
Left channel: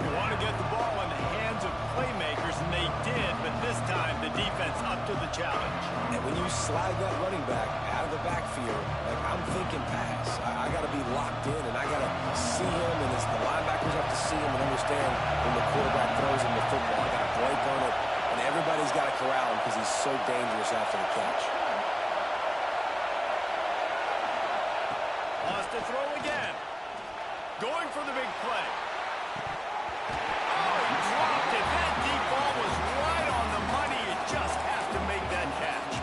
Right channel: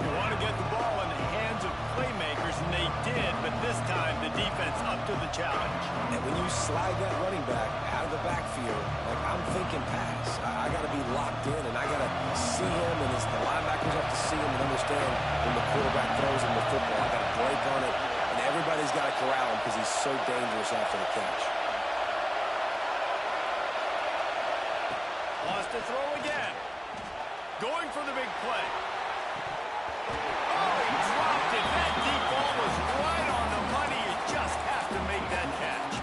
You want to get the ball in the hands of playmakers, and they did, but this time the defense up to the challenge. And when you slide that running back out of the backfield, like I'm thinking pass. I got to be locked in, and I got to see him, and the linebackers have to see him and understand when the quarterback throws him the football. I got to break on it. And everybody's got to corral him because he's so dangerous after the catch. Wants to throw again. Going for the big play. Oh, he dropped it. That deep ball was right on the money. You just have to make that catch.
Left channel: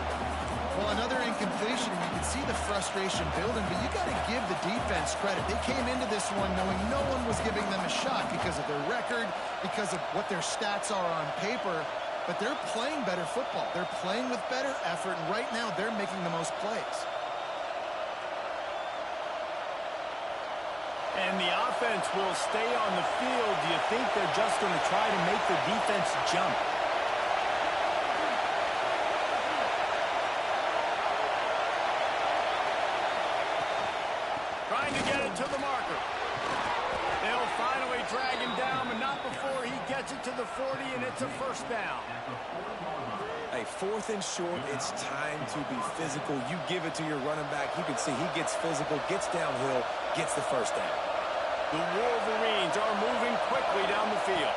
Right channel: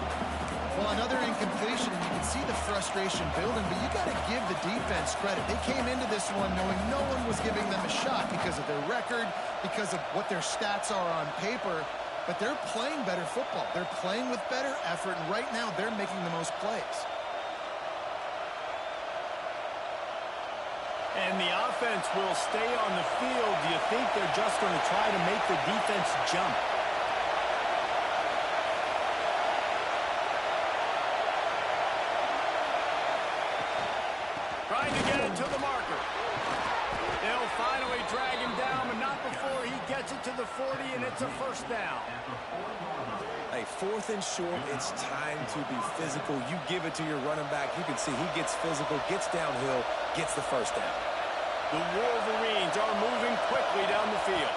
Well, another another incompletion, and you can see the frustration building, but you got to give the defense credit. They came into this one knowing no one was giving them a shot because of their record, because of what their stats are on paper, but they're playing better football. They're playing with better effort, and right now they're making the most plays. And the offense will stay on the field. Do you think they're just going to try to make the defense jump? Trying to get it to the marker. They'll finally drag him down, but not before he gets it to the 40, and it's a first down. Hey, 4th and short, it's time to be physical. You give it to your running back. You can see he gets physical, gets downhill, gets the first down. The Wolverines are moving quickly down the field.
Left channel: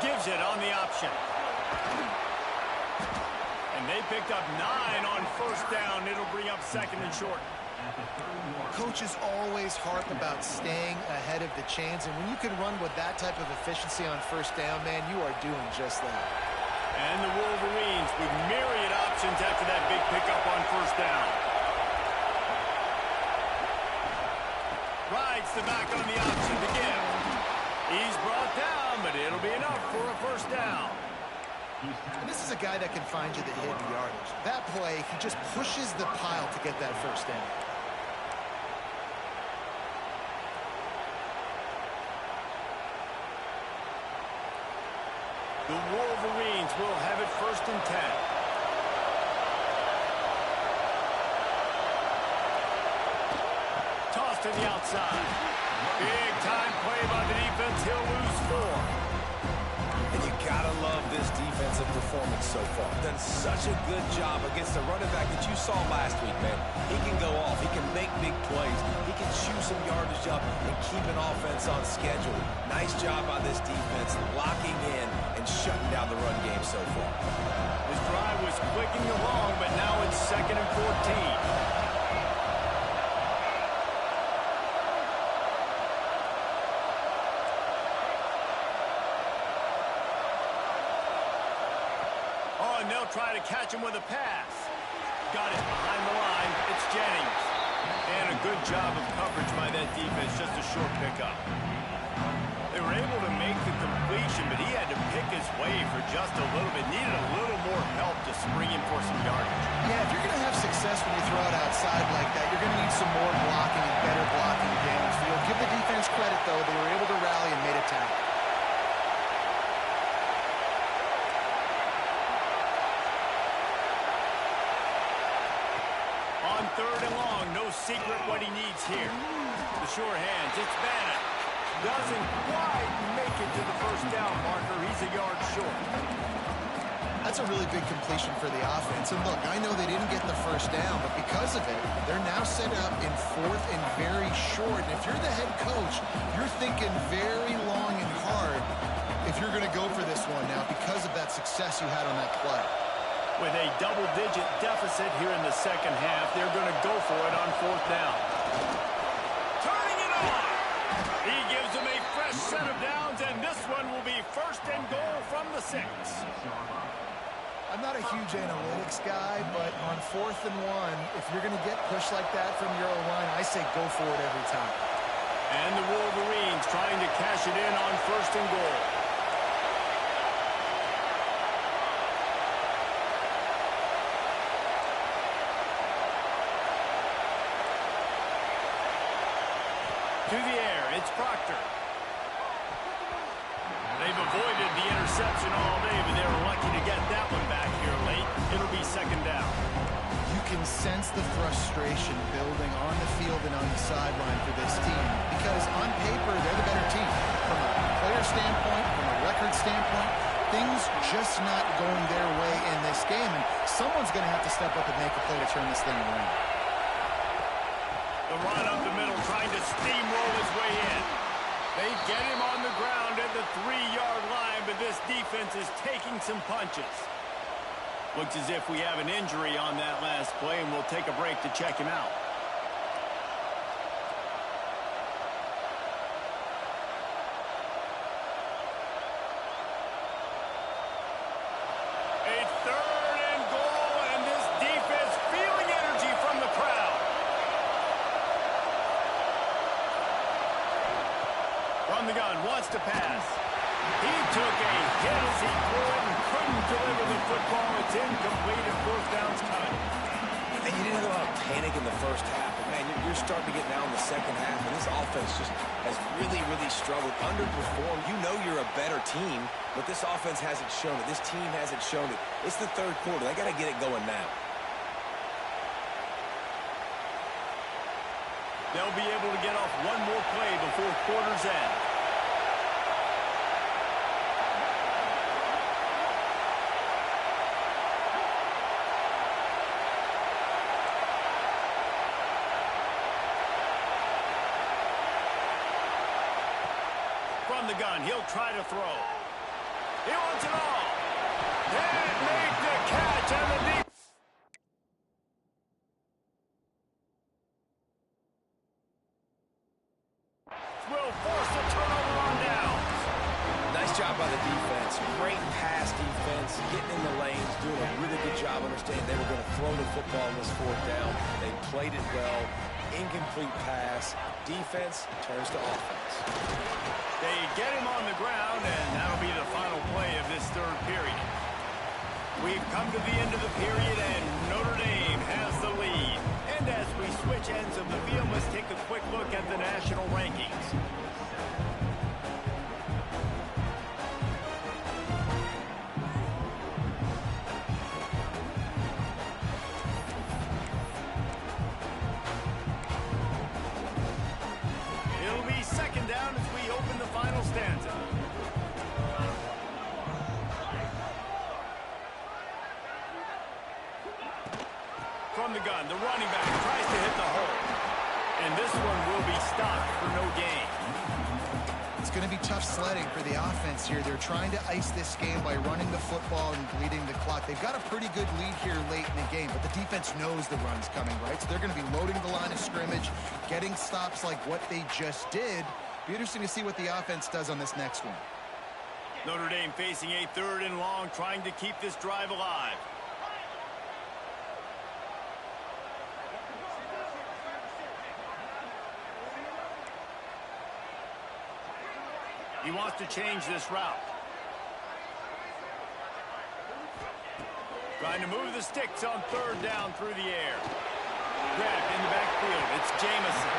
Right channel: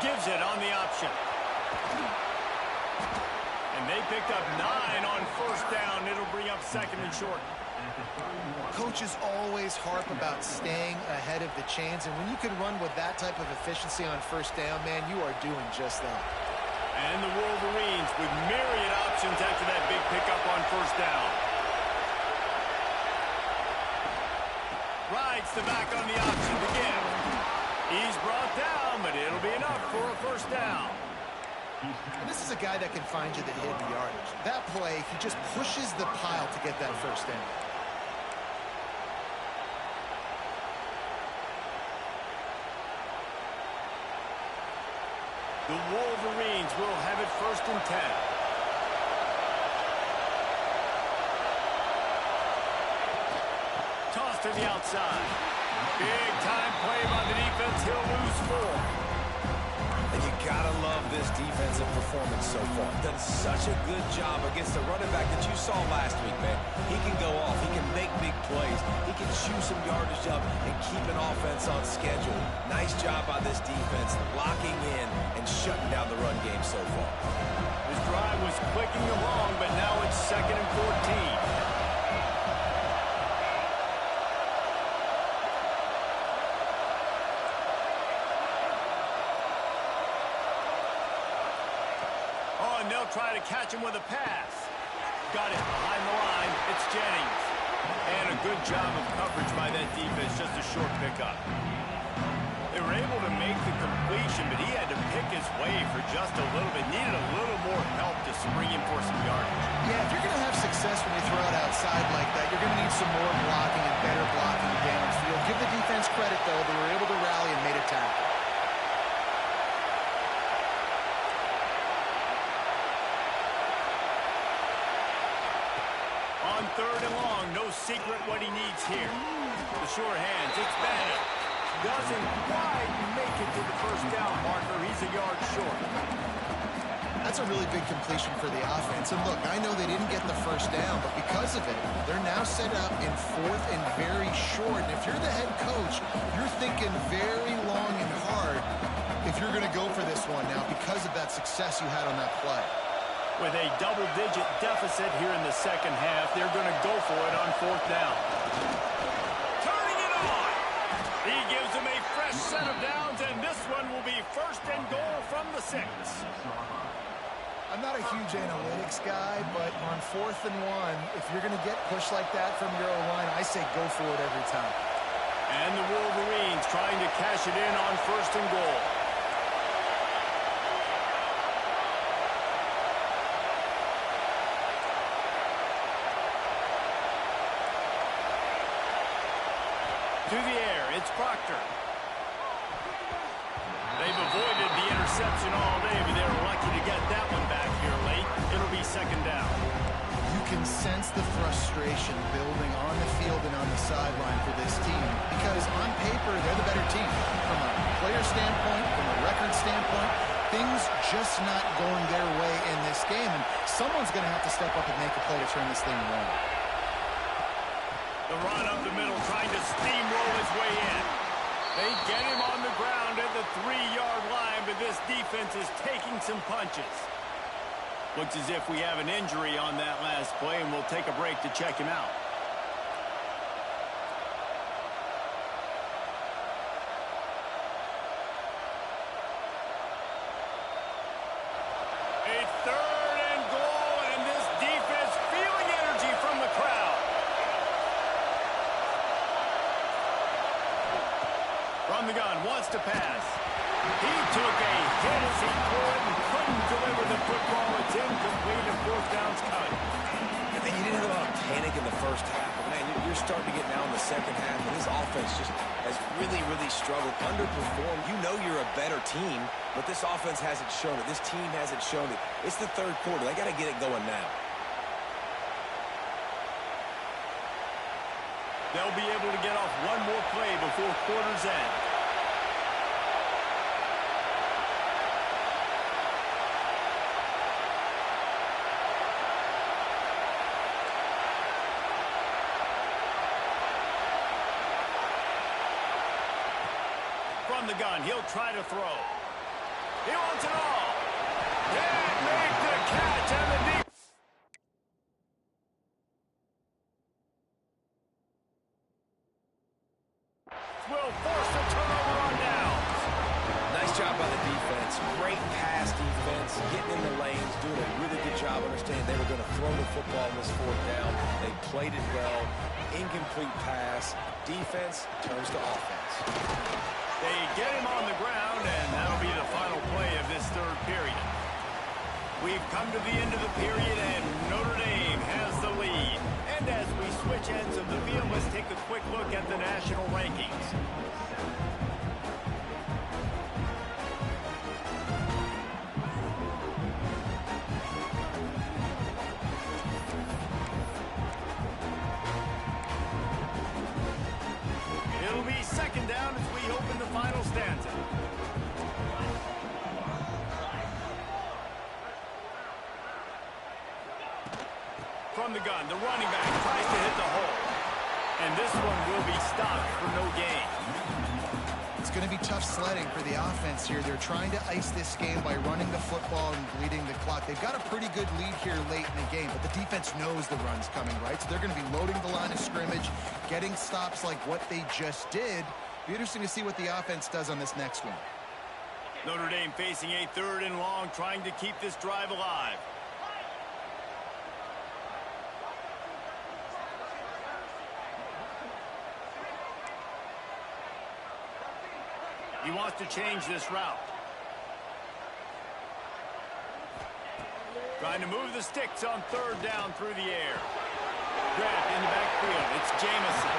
Gives it on the option. And they picked up 9 on first down. It'll bring up 2nd and short. Coaches always harp about staying ahead of the chains, and when you can run with that type of efficiency on first down, man, you are doing just that. And the Wolverines with myriad options after that big pickup on first down. Rides the back on the option to give. He's brought down, but it'll be enough for a first down. And this is a guy that can find you the hidden yardage. That play, he just pushes the pile to get that first down. The Wolverines will have it 1st and 10. Toss to the outside. Big time play by the defense. He'll lose 4. And you gotta love this defensive performance so far. Done such a good job against the running back that you saw last week, man. He can go off. He can make big plays. He can chew some yardage up and keep an offense on schedule. Nice job by this defense locking in and shutting down the run game so far. This drive was clicking along, but now it's 2nd and 14. And they'll try to catch him with a pass. Got it behind the line. It's Jennings. And a good job of coverage by that defense. Just a short pickup. They were able to make the completion, but he had to pick his way for just a little bit. Needed a little more help to spring him for some yardage. Yeah, if you're going to have success when you throw it outside like that, you're going to need some more blocking and better blocking downfield. Give the defense credit, though. They were able to rally and made a tackle. On 3rd and long, no secret what he needs here. The sure hands, it's Bannon. Doesn't quite make it to the first down marker. He's a yard short. That's a really big completion for the offense. And look, I know they didn't get the first down, but because of it, they're now set up in 4th and very short. And if you're the head coach, you're thinking very long and hard if you're going to go for this one now because of that success you had on that play. With a double-digit deficit here in the second half, they're going to go for it on 4th down. Turning it on! He gives them a fresh set of downs, and this one will be 1st and goal from the 6. I'm not a huge analytics guy, but on 4th and 1, if you're going to get pushed like that from your O-line, I say go for it every time. And the Wolverines trying to cash it in on 1st and goal. To the air, it's Proctor. They've avoided the interception all day, but they were lucky to get that one back here late. It'll be 2nd down. You can sense the frustration building on the field and on the sideline for this team because on paper, they're the better team. From a player standpoint, from a record standpoint, things just not going their way in this game, and someone's going to have to step up and make a play to turn this thing around. The run up the middle, trying to steamroll his way in. They get him on the ground at the 3-yard line, but this defense is taking some punches. Looks as if we have an injury on that last play, and we'll take a break to check him out. A 3rd and goal, and this defense feeling it From the gun, wants to pass. He took a hit as he threw it and couldn't deliver the football. It's incomplete and fourth down's coming. And you didn't have a lot of panic in the first half, but man, you're starting to get now in the second half, and this offense just has really, really struggled, underperformed. You know you're a better team, but this offense hasn't shown it. This team hasn't shown it. It's the third quarter. They got to get it going now. They'll be able to get off one more play before quarter's end. From the gun, he'll try to throw. He wants it all. And make the catch on the deep. Will force a turnover on downs. Nice job by the defense. Great pass defense, getting in the lanes, doing a really good job understanding they were going to throw the football on this fourth down. They played it well. Incomplete pass. Defense turns to offense. They get him on the ground, and that'll be the final play of this third period. We've come to the end of the period, and Notre Dame has the lead. And as we switch ends of the field, let's take a quick look at the national rankings. It'll be second down as we open the final stanza. From the gun, the running back tries to hit the hole. And this one will be stopped for no gain. It's going to be tough sledding for the offense here. They're trying to ice this game by running the football and bleeding the clock. They've got a pretty good lead here late in the game, but the defense knows the run's coming, right? So they're going to be loading the line of scrimmage, getting stops like what they just did. Be interesting to see what the offense does on this next one. Notre Dame facing a third and long, trying to keep this drive alive. He wants to change this route. Trying to move the sticks on third down through the air. Grabbed in the backfield. It's Jamison.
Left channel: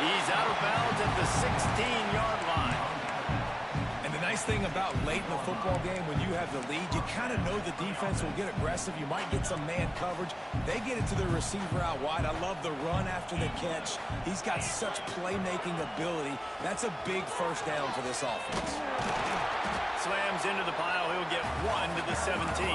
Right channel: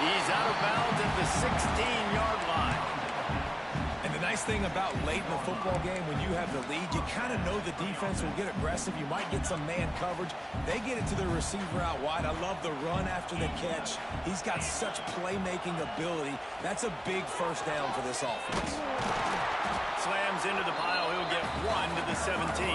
He's out of bounds at the 16-yard line. And the nice thing about late in the football game, when you have the lead, you kind of know the defense will get aggressive. You might get some man coverage. They get it to the receiver out wide. I love the run after the catch. He's got such playmaking ability. That's a big first down for this offense. Slams into the pile. He'll get one to the 17.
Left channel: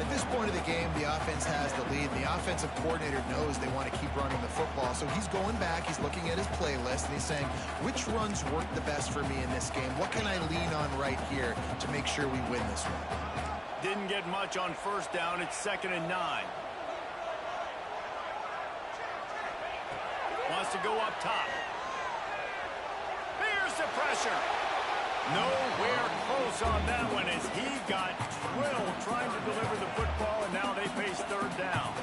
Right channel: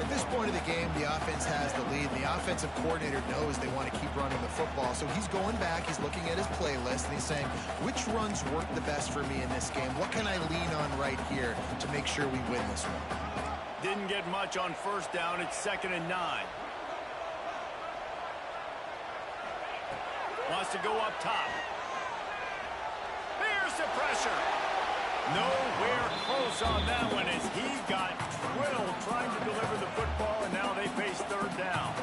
At this point of the game, the offense has the lead. The offensive coordinator knows they want to keep running the football. So he's going back, he's looking at his playlist, and he's saying, which runs work the best for me in this game? What can I lean on right here to make sure we win this one? Didn't get much on first down. It's 2nd and 9. Wants to go up top. Here's the pressure. Nowhere close on that one as he got drilled trying to deliver the football, and now they face third down.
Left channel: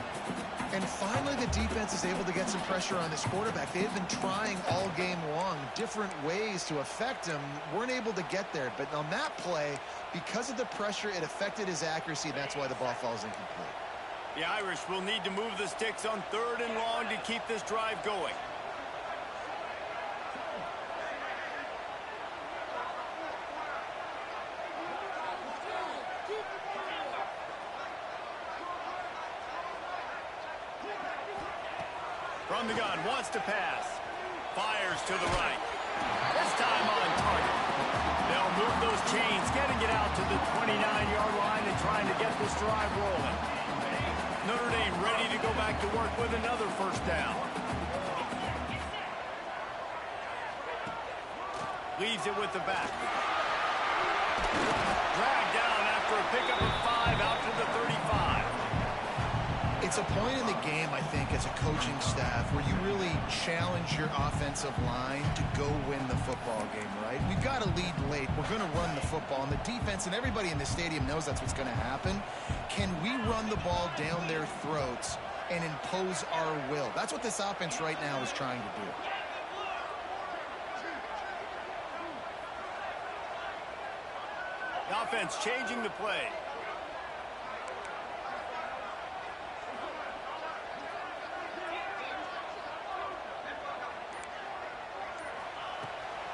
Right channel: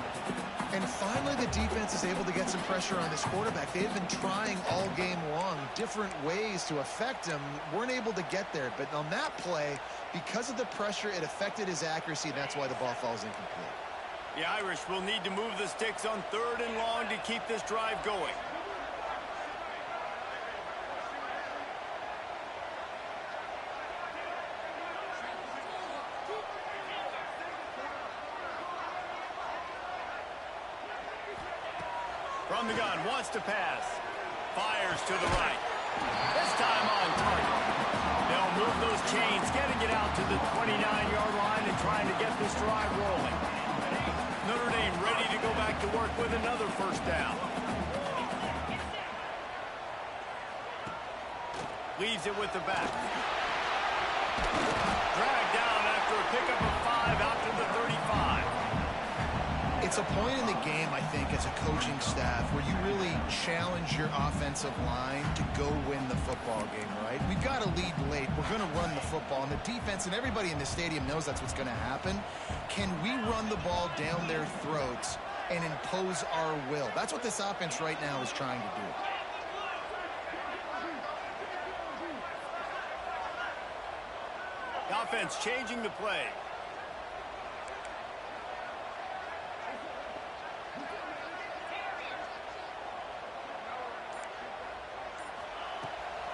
And finally, the defense is able to get some pressure on this quarterback. They have been trying all game long different ways to affect him. Weren't able to get there. But on that play, because of the pressure, it affected his accuracy, and that's why the ball falls incomplete. The Irish will need to move the sticks on third and long to keep this drive going. From the gun, wants to pass. Fires to the right. This time on target. They'll move those chains, getting it out to the 29-yard line and trying to get this drive rolling. Notre Dame ready to go back to work with another first down. Leaves it with the back. Dragged down after a pickup of 5 out to the 35. It's a point in the game, I think, as a coaching staff where you really challenge your offensive line to go win the football game, right? We've got to lead late. We're going to run the football. And the defense and everybody in the stadium knows that's what's going to happen. Can we run the ball down their throats and impose our will? That's what this offense right now is trying to do. The offense changing the play.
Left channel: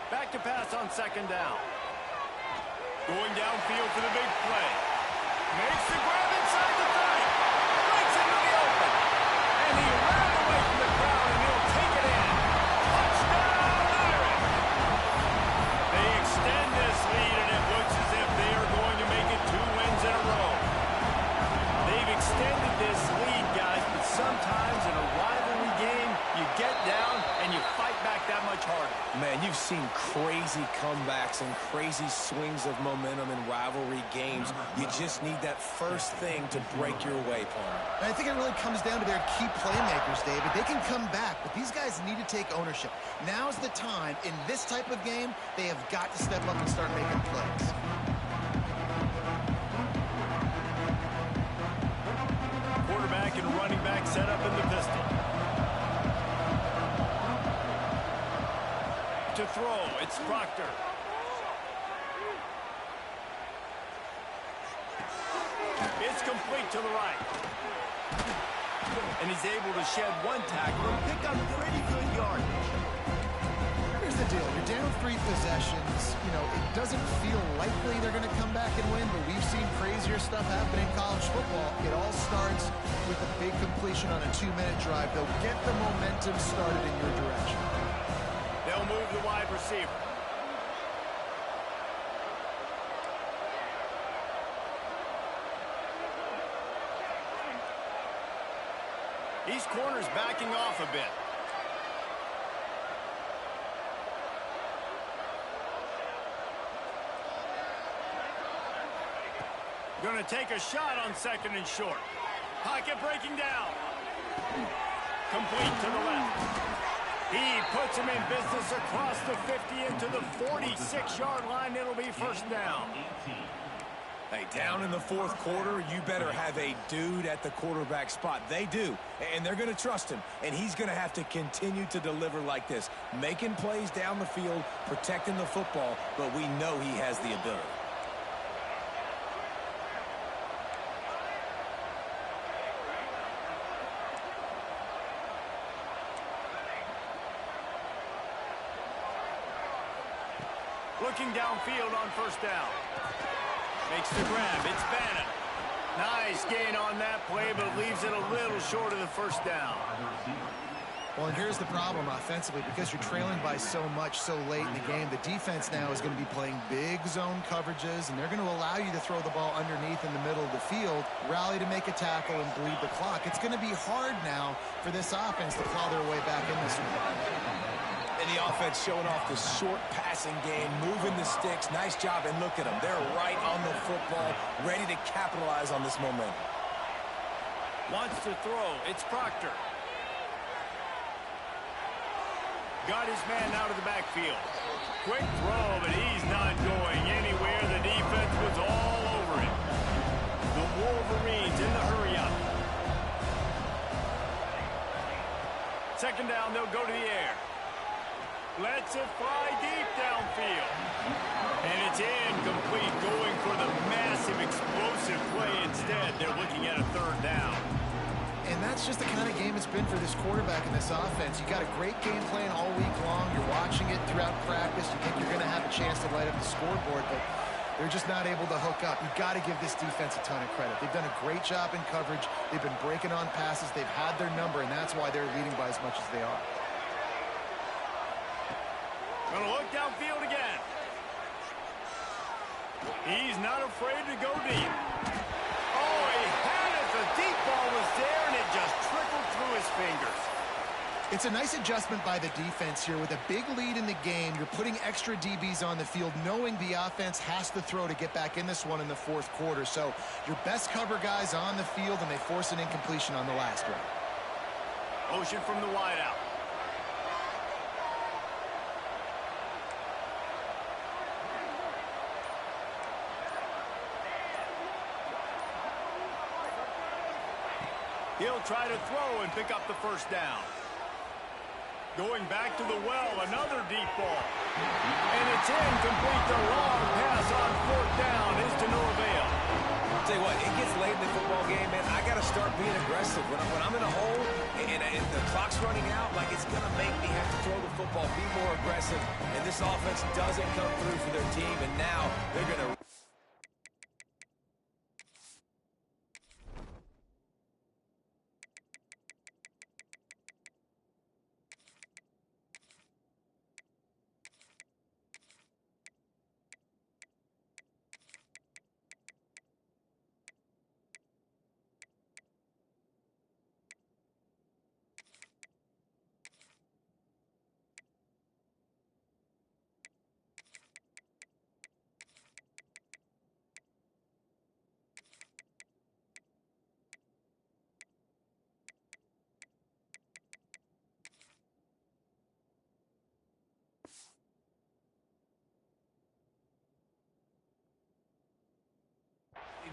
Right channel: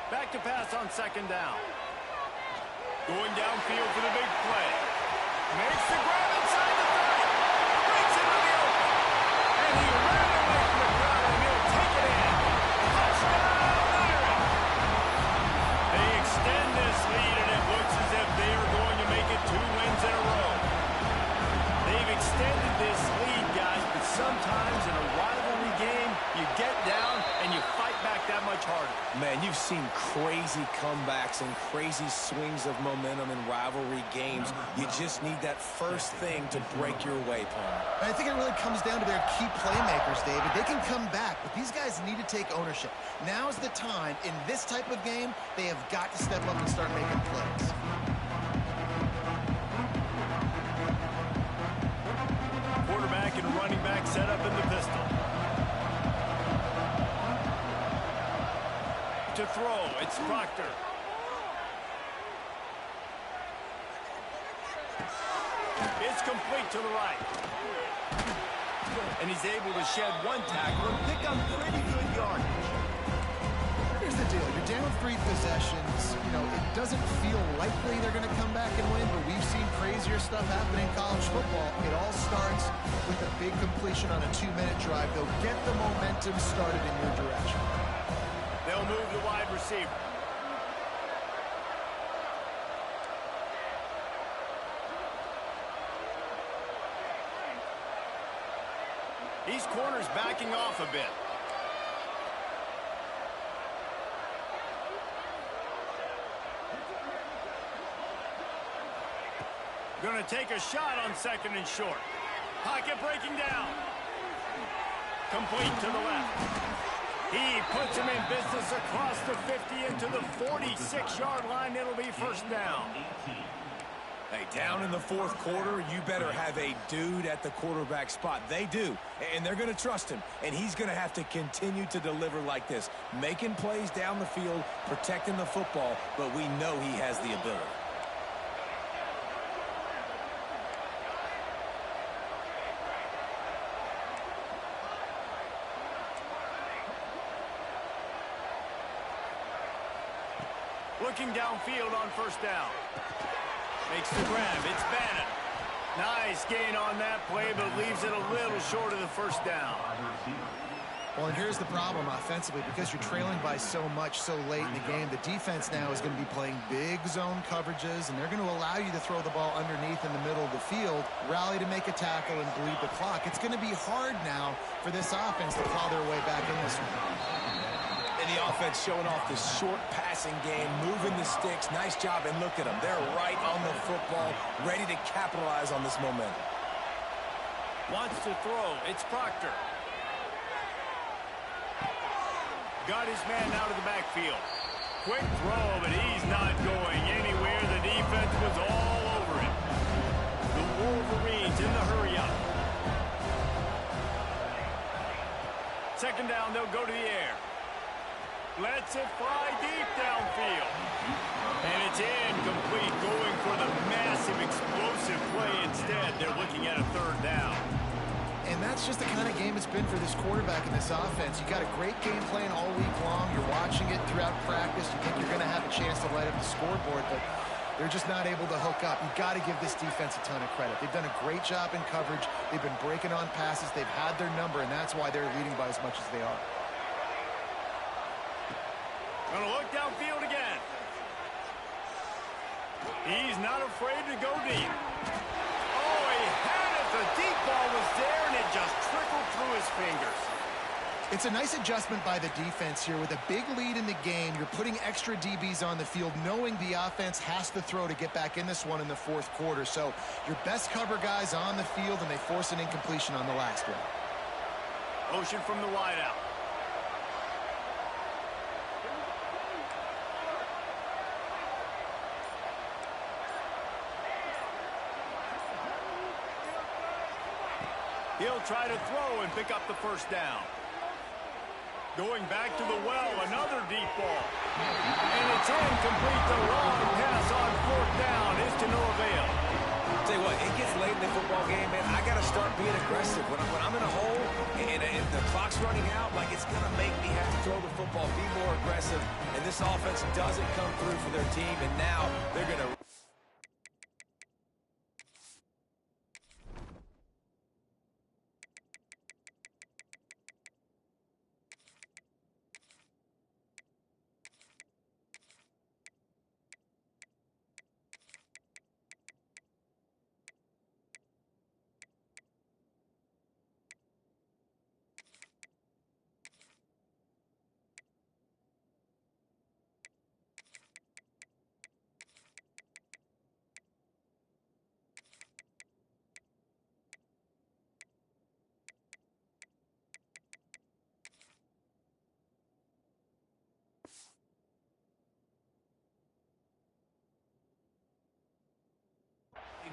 Back to pass on second down. Going downfield for the big play. Makes the grab inside the 30. Breaks into the open. And he ran away from the crowd, and he'll take it in. Touchdown, Irish! They extend this lead, and it looks as if they are going to make it 2 wins in a row. They've extended this lead, guys, but sometimes in a rivalry game, you get down and you fight back that much harder. Man, you've seen crazy comebacks and crazy swings of momentum in rivalry games. You just need that first thing to break your way, Palmer. I think it really comes down to their key playmakers, David. They can come back, but these guys need to take ownership. Now's the time. In this type of game, they have got to step up and start making plays. Quarterback and running back set up in the pistol. To throw, it's Proctor. It's complete to the right. And he's able to shed 1 tackle and pick up pretty good yardage. Here's the deal. You're down 3 possessions. You know, it doesn't feel likely they're going to come back and win, but we've seen crazier stuff happen in college football. It all starts with a big completion on a 2-minute drive. They'll get the momentum started in your direction. They'll move the wide receiver. These corners backing off a bit. Going to take a shot on 2nd and short. Pocket breaking down. Complete to the left. He puts him in business across the 50 into the 46-yard line. It'll be first down. Hey, down in the 4th quarter, you better have a dude at the quarterback spot. They do, and they're going to trust him, and he's going to have to continue to deliver like this, making plays down the field, protecting the football, but we know he has the ability. Looking downfield on first down. Makes the grab. It's Bannon. Nice gain on that play, but leaves it a little short of the first down. Well, and here's the problem offensively. Because you're trailing by so much so late in the game, the defense now is going to be playing big zone coverages, and they're going to allow you to throw the ball underneath in the middle of the field, rally to make a tackle, and bleed the clock. It's going to be hard now for this offense to claw their way back in this one. And the offense showing off the short passing game, moving the sticks. Nice job, and look at them. They're right on the football, ready to capitalize on this momentum. Wants to throw. It's Proctor. Got his man out of the backfield. Quick throw, but he's not going anywhere. The defense was all over him. The Wolverines in the hurry-up. 2nd down, they'll go to the air. Lets it fly deep downfield. And it's incomplete, going for the massive explosive play instead. They're looking at a 3rd down. And that's just the kind of game it's been for this quarterback in this offense. You got a great game plan all week long. You're watching it throughout practice. You think you're going to have a chance to light up the scoreboard, but they're just not able to hook up. You've got to give this defense a ton of credit. They've done a great job in coverage. They've been breaking on passes. They've had their number, and that's why they're leading by as much as they are. Going to look downfield again. He's not afraid to go deep. Oh, he had it. The deep ball was there, and it just trickled through his fingers. It's a nice adjustment by the defense here. With a big lead in the game, you're putting extra DBs on the field, knowing the offense has to throw to get back in this one in the 4th quarter. So your best cover guys on the field, and they force an incompletion on the last one. Motion from the wideout. He'll try to throw and pick up the first down. Going back to the well, another deep ball. And it's gets in, complete. The long pass on fourth down is to no avail. Tell you what, it gets late in the football game, man. I got to start being aggressive. When I'm in a hole and the clock's running out, like, it's going to make me have to throw the football, be more aggressive. And this offense doesn't come through for their team, and now they're going to...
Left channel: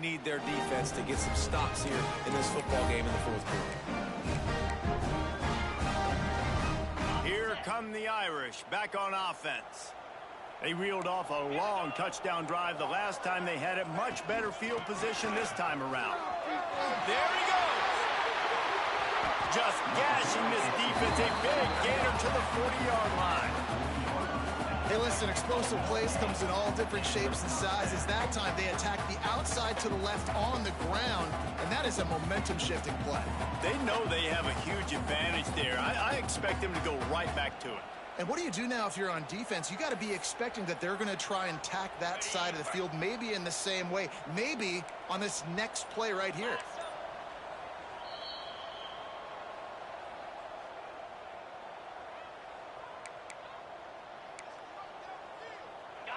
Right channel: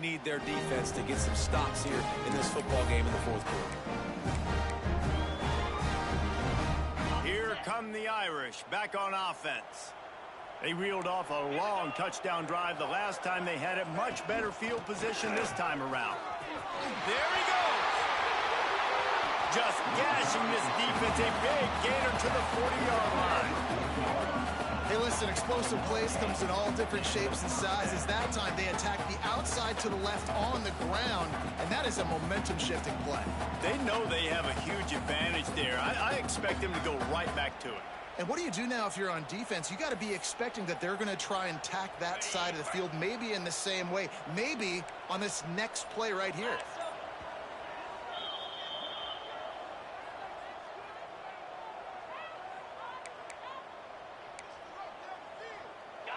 need their defense to get some stops here in this football game in the fourth quarter. Here come the Irish back on offense. They reeled off a long touchdown drive the last time they had it. Much better field position this time around. There he goes. Just gashing this defense. A big gainer to the 40-yard line. Hey, listen, explosive plays comes in all different shapes and sizes. That time, they attacked the outside to the left on the ground, and that is a momentum-shifting play. They know they have a huge advantage there. I expect them to go right back to it. And what do you do now if you're on defense? You got to be expecting that they're going to try and tack that side of the field, maybe in the same way, maybe on this next play right here.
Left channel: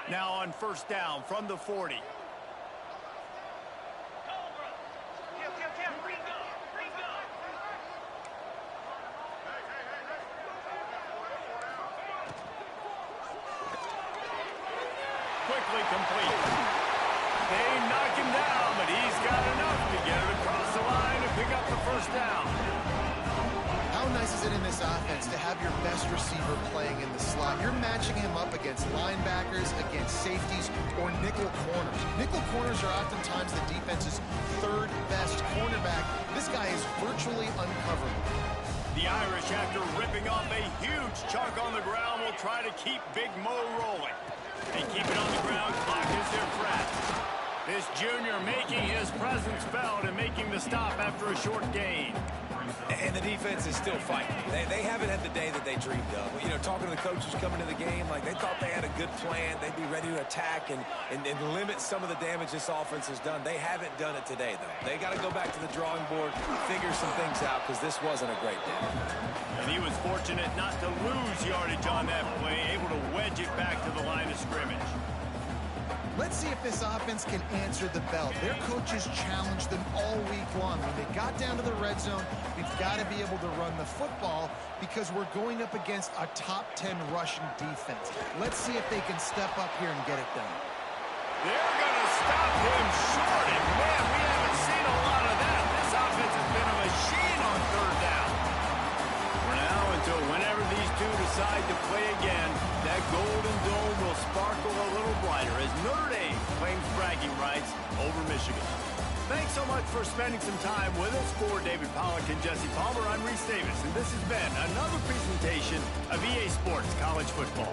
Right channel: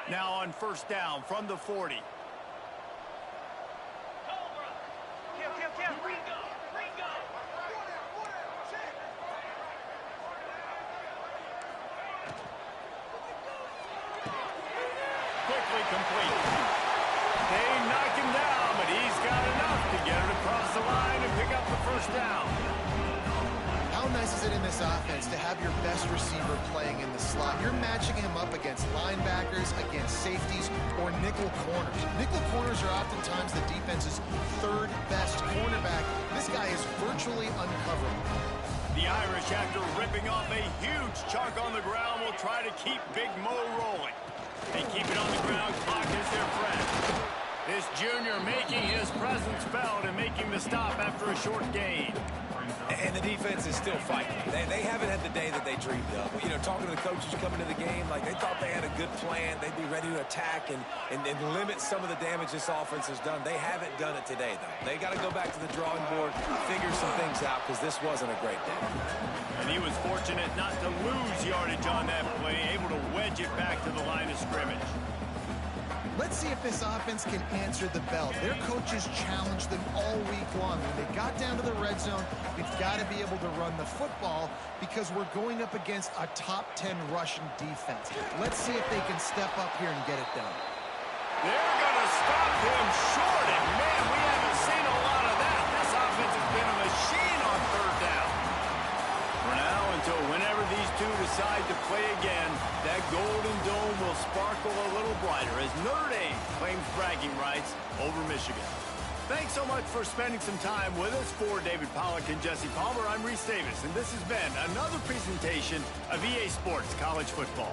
Now on first down from the 40. Quickly complete. They knock him down, but he's got enough to get it across the line and pick up the first down. How nice is it in this offense to have your best receiver playing in the slot? You're matching him up against linebackers, against safeties, or nickel corners. Nickel corners are oftentimes the defense's third best cornerback. This guy is virtually uncoverable. The Irish, after ripping off a huge chunk on the ground, will try to keep Big Mo rolling. They keep it on the ground. Clock is their friend. This junior making his presence felt and making the stop after a short gain. And the defense is still fighting. They haven't had the day that they dreamed of. You know, talking to the coaches coming to the game, like, they thought they had a good plan. They'd be ready to attack and limit some of the damage this offense has done. They haven't done it today, though. They got to go back to the drawing board, figure some things out, because this wasn't a great day. And he was fortunate not to lose yardage on that play, able to wedge it back to the line of scrimmage. Let's see if this offense can answer the bell. Their coaches challenged them all week long. When they got down to the red zone, we've got to be able to run the football because we're going up against a top 10 rushing defense. Let's see if they can step up here and get it done. They're going to stop him short, and man, we haven't seen a lot of that. This offense has been a machine on third down. For now, until whenever these two decide to play again, that golden dome will sparkle a little brighter as Notre Dame claims bragging rights over Michigan. Thanks so much for spending some time with us. For David Pollack and Jesse Palmer, I'm Reese Davis, and this has been another presentation of EA Sports College Football.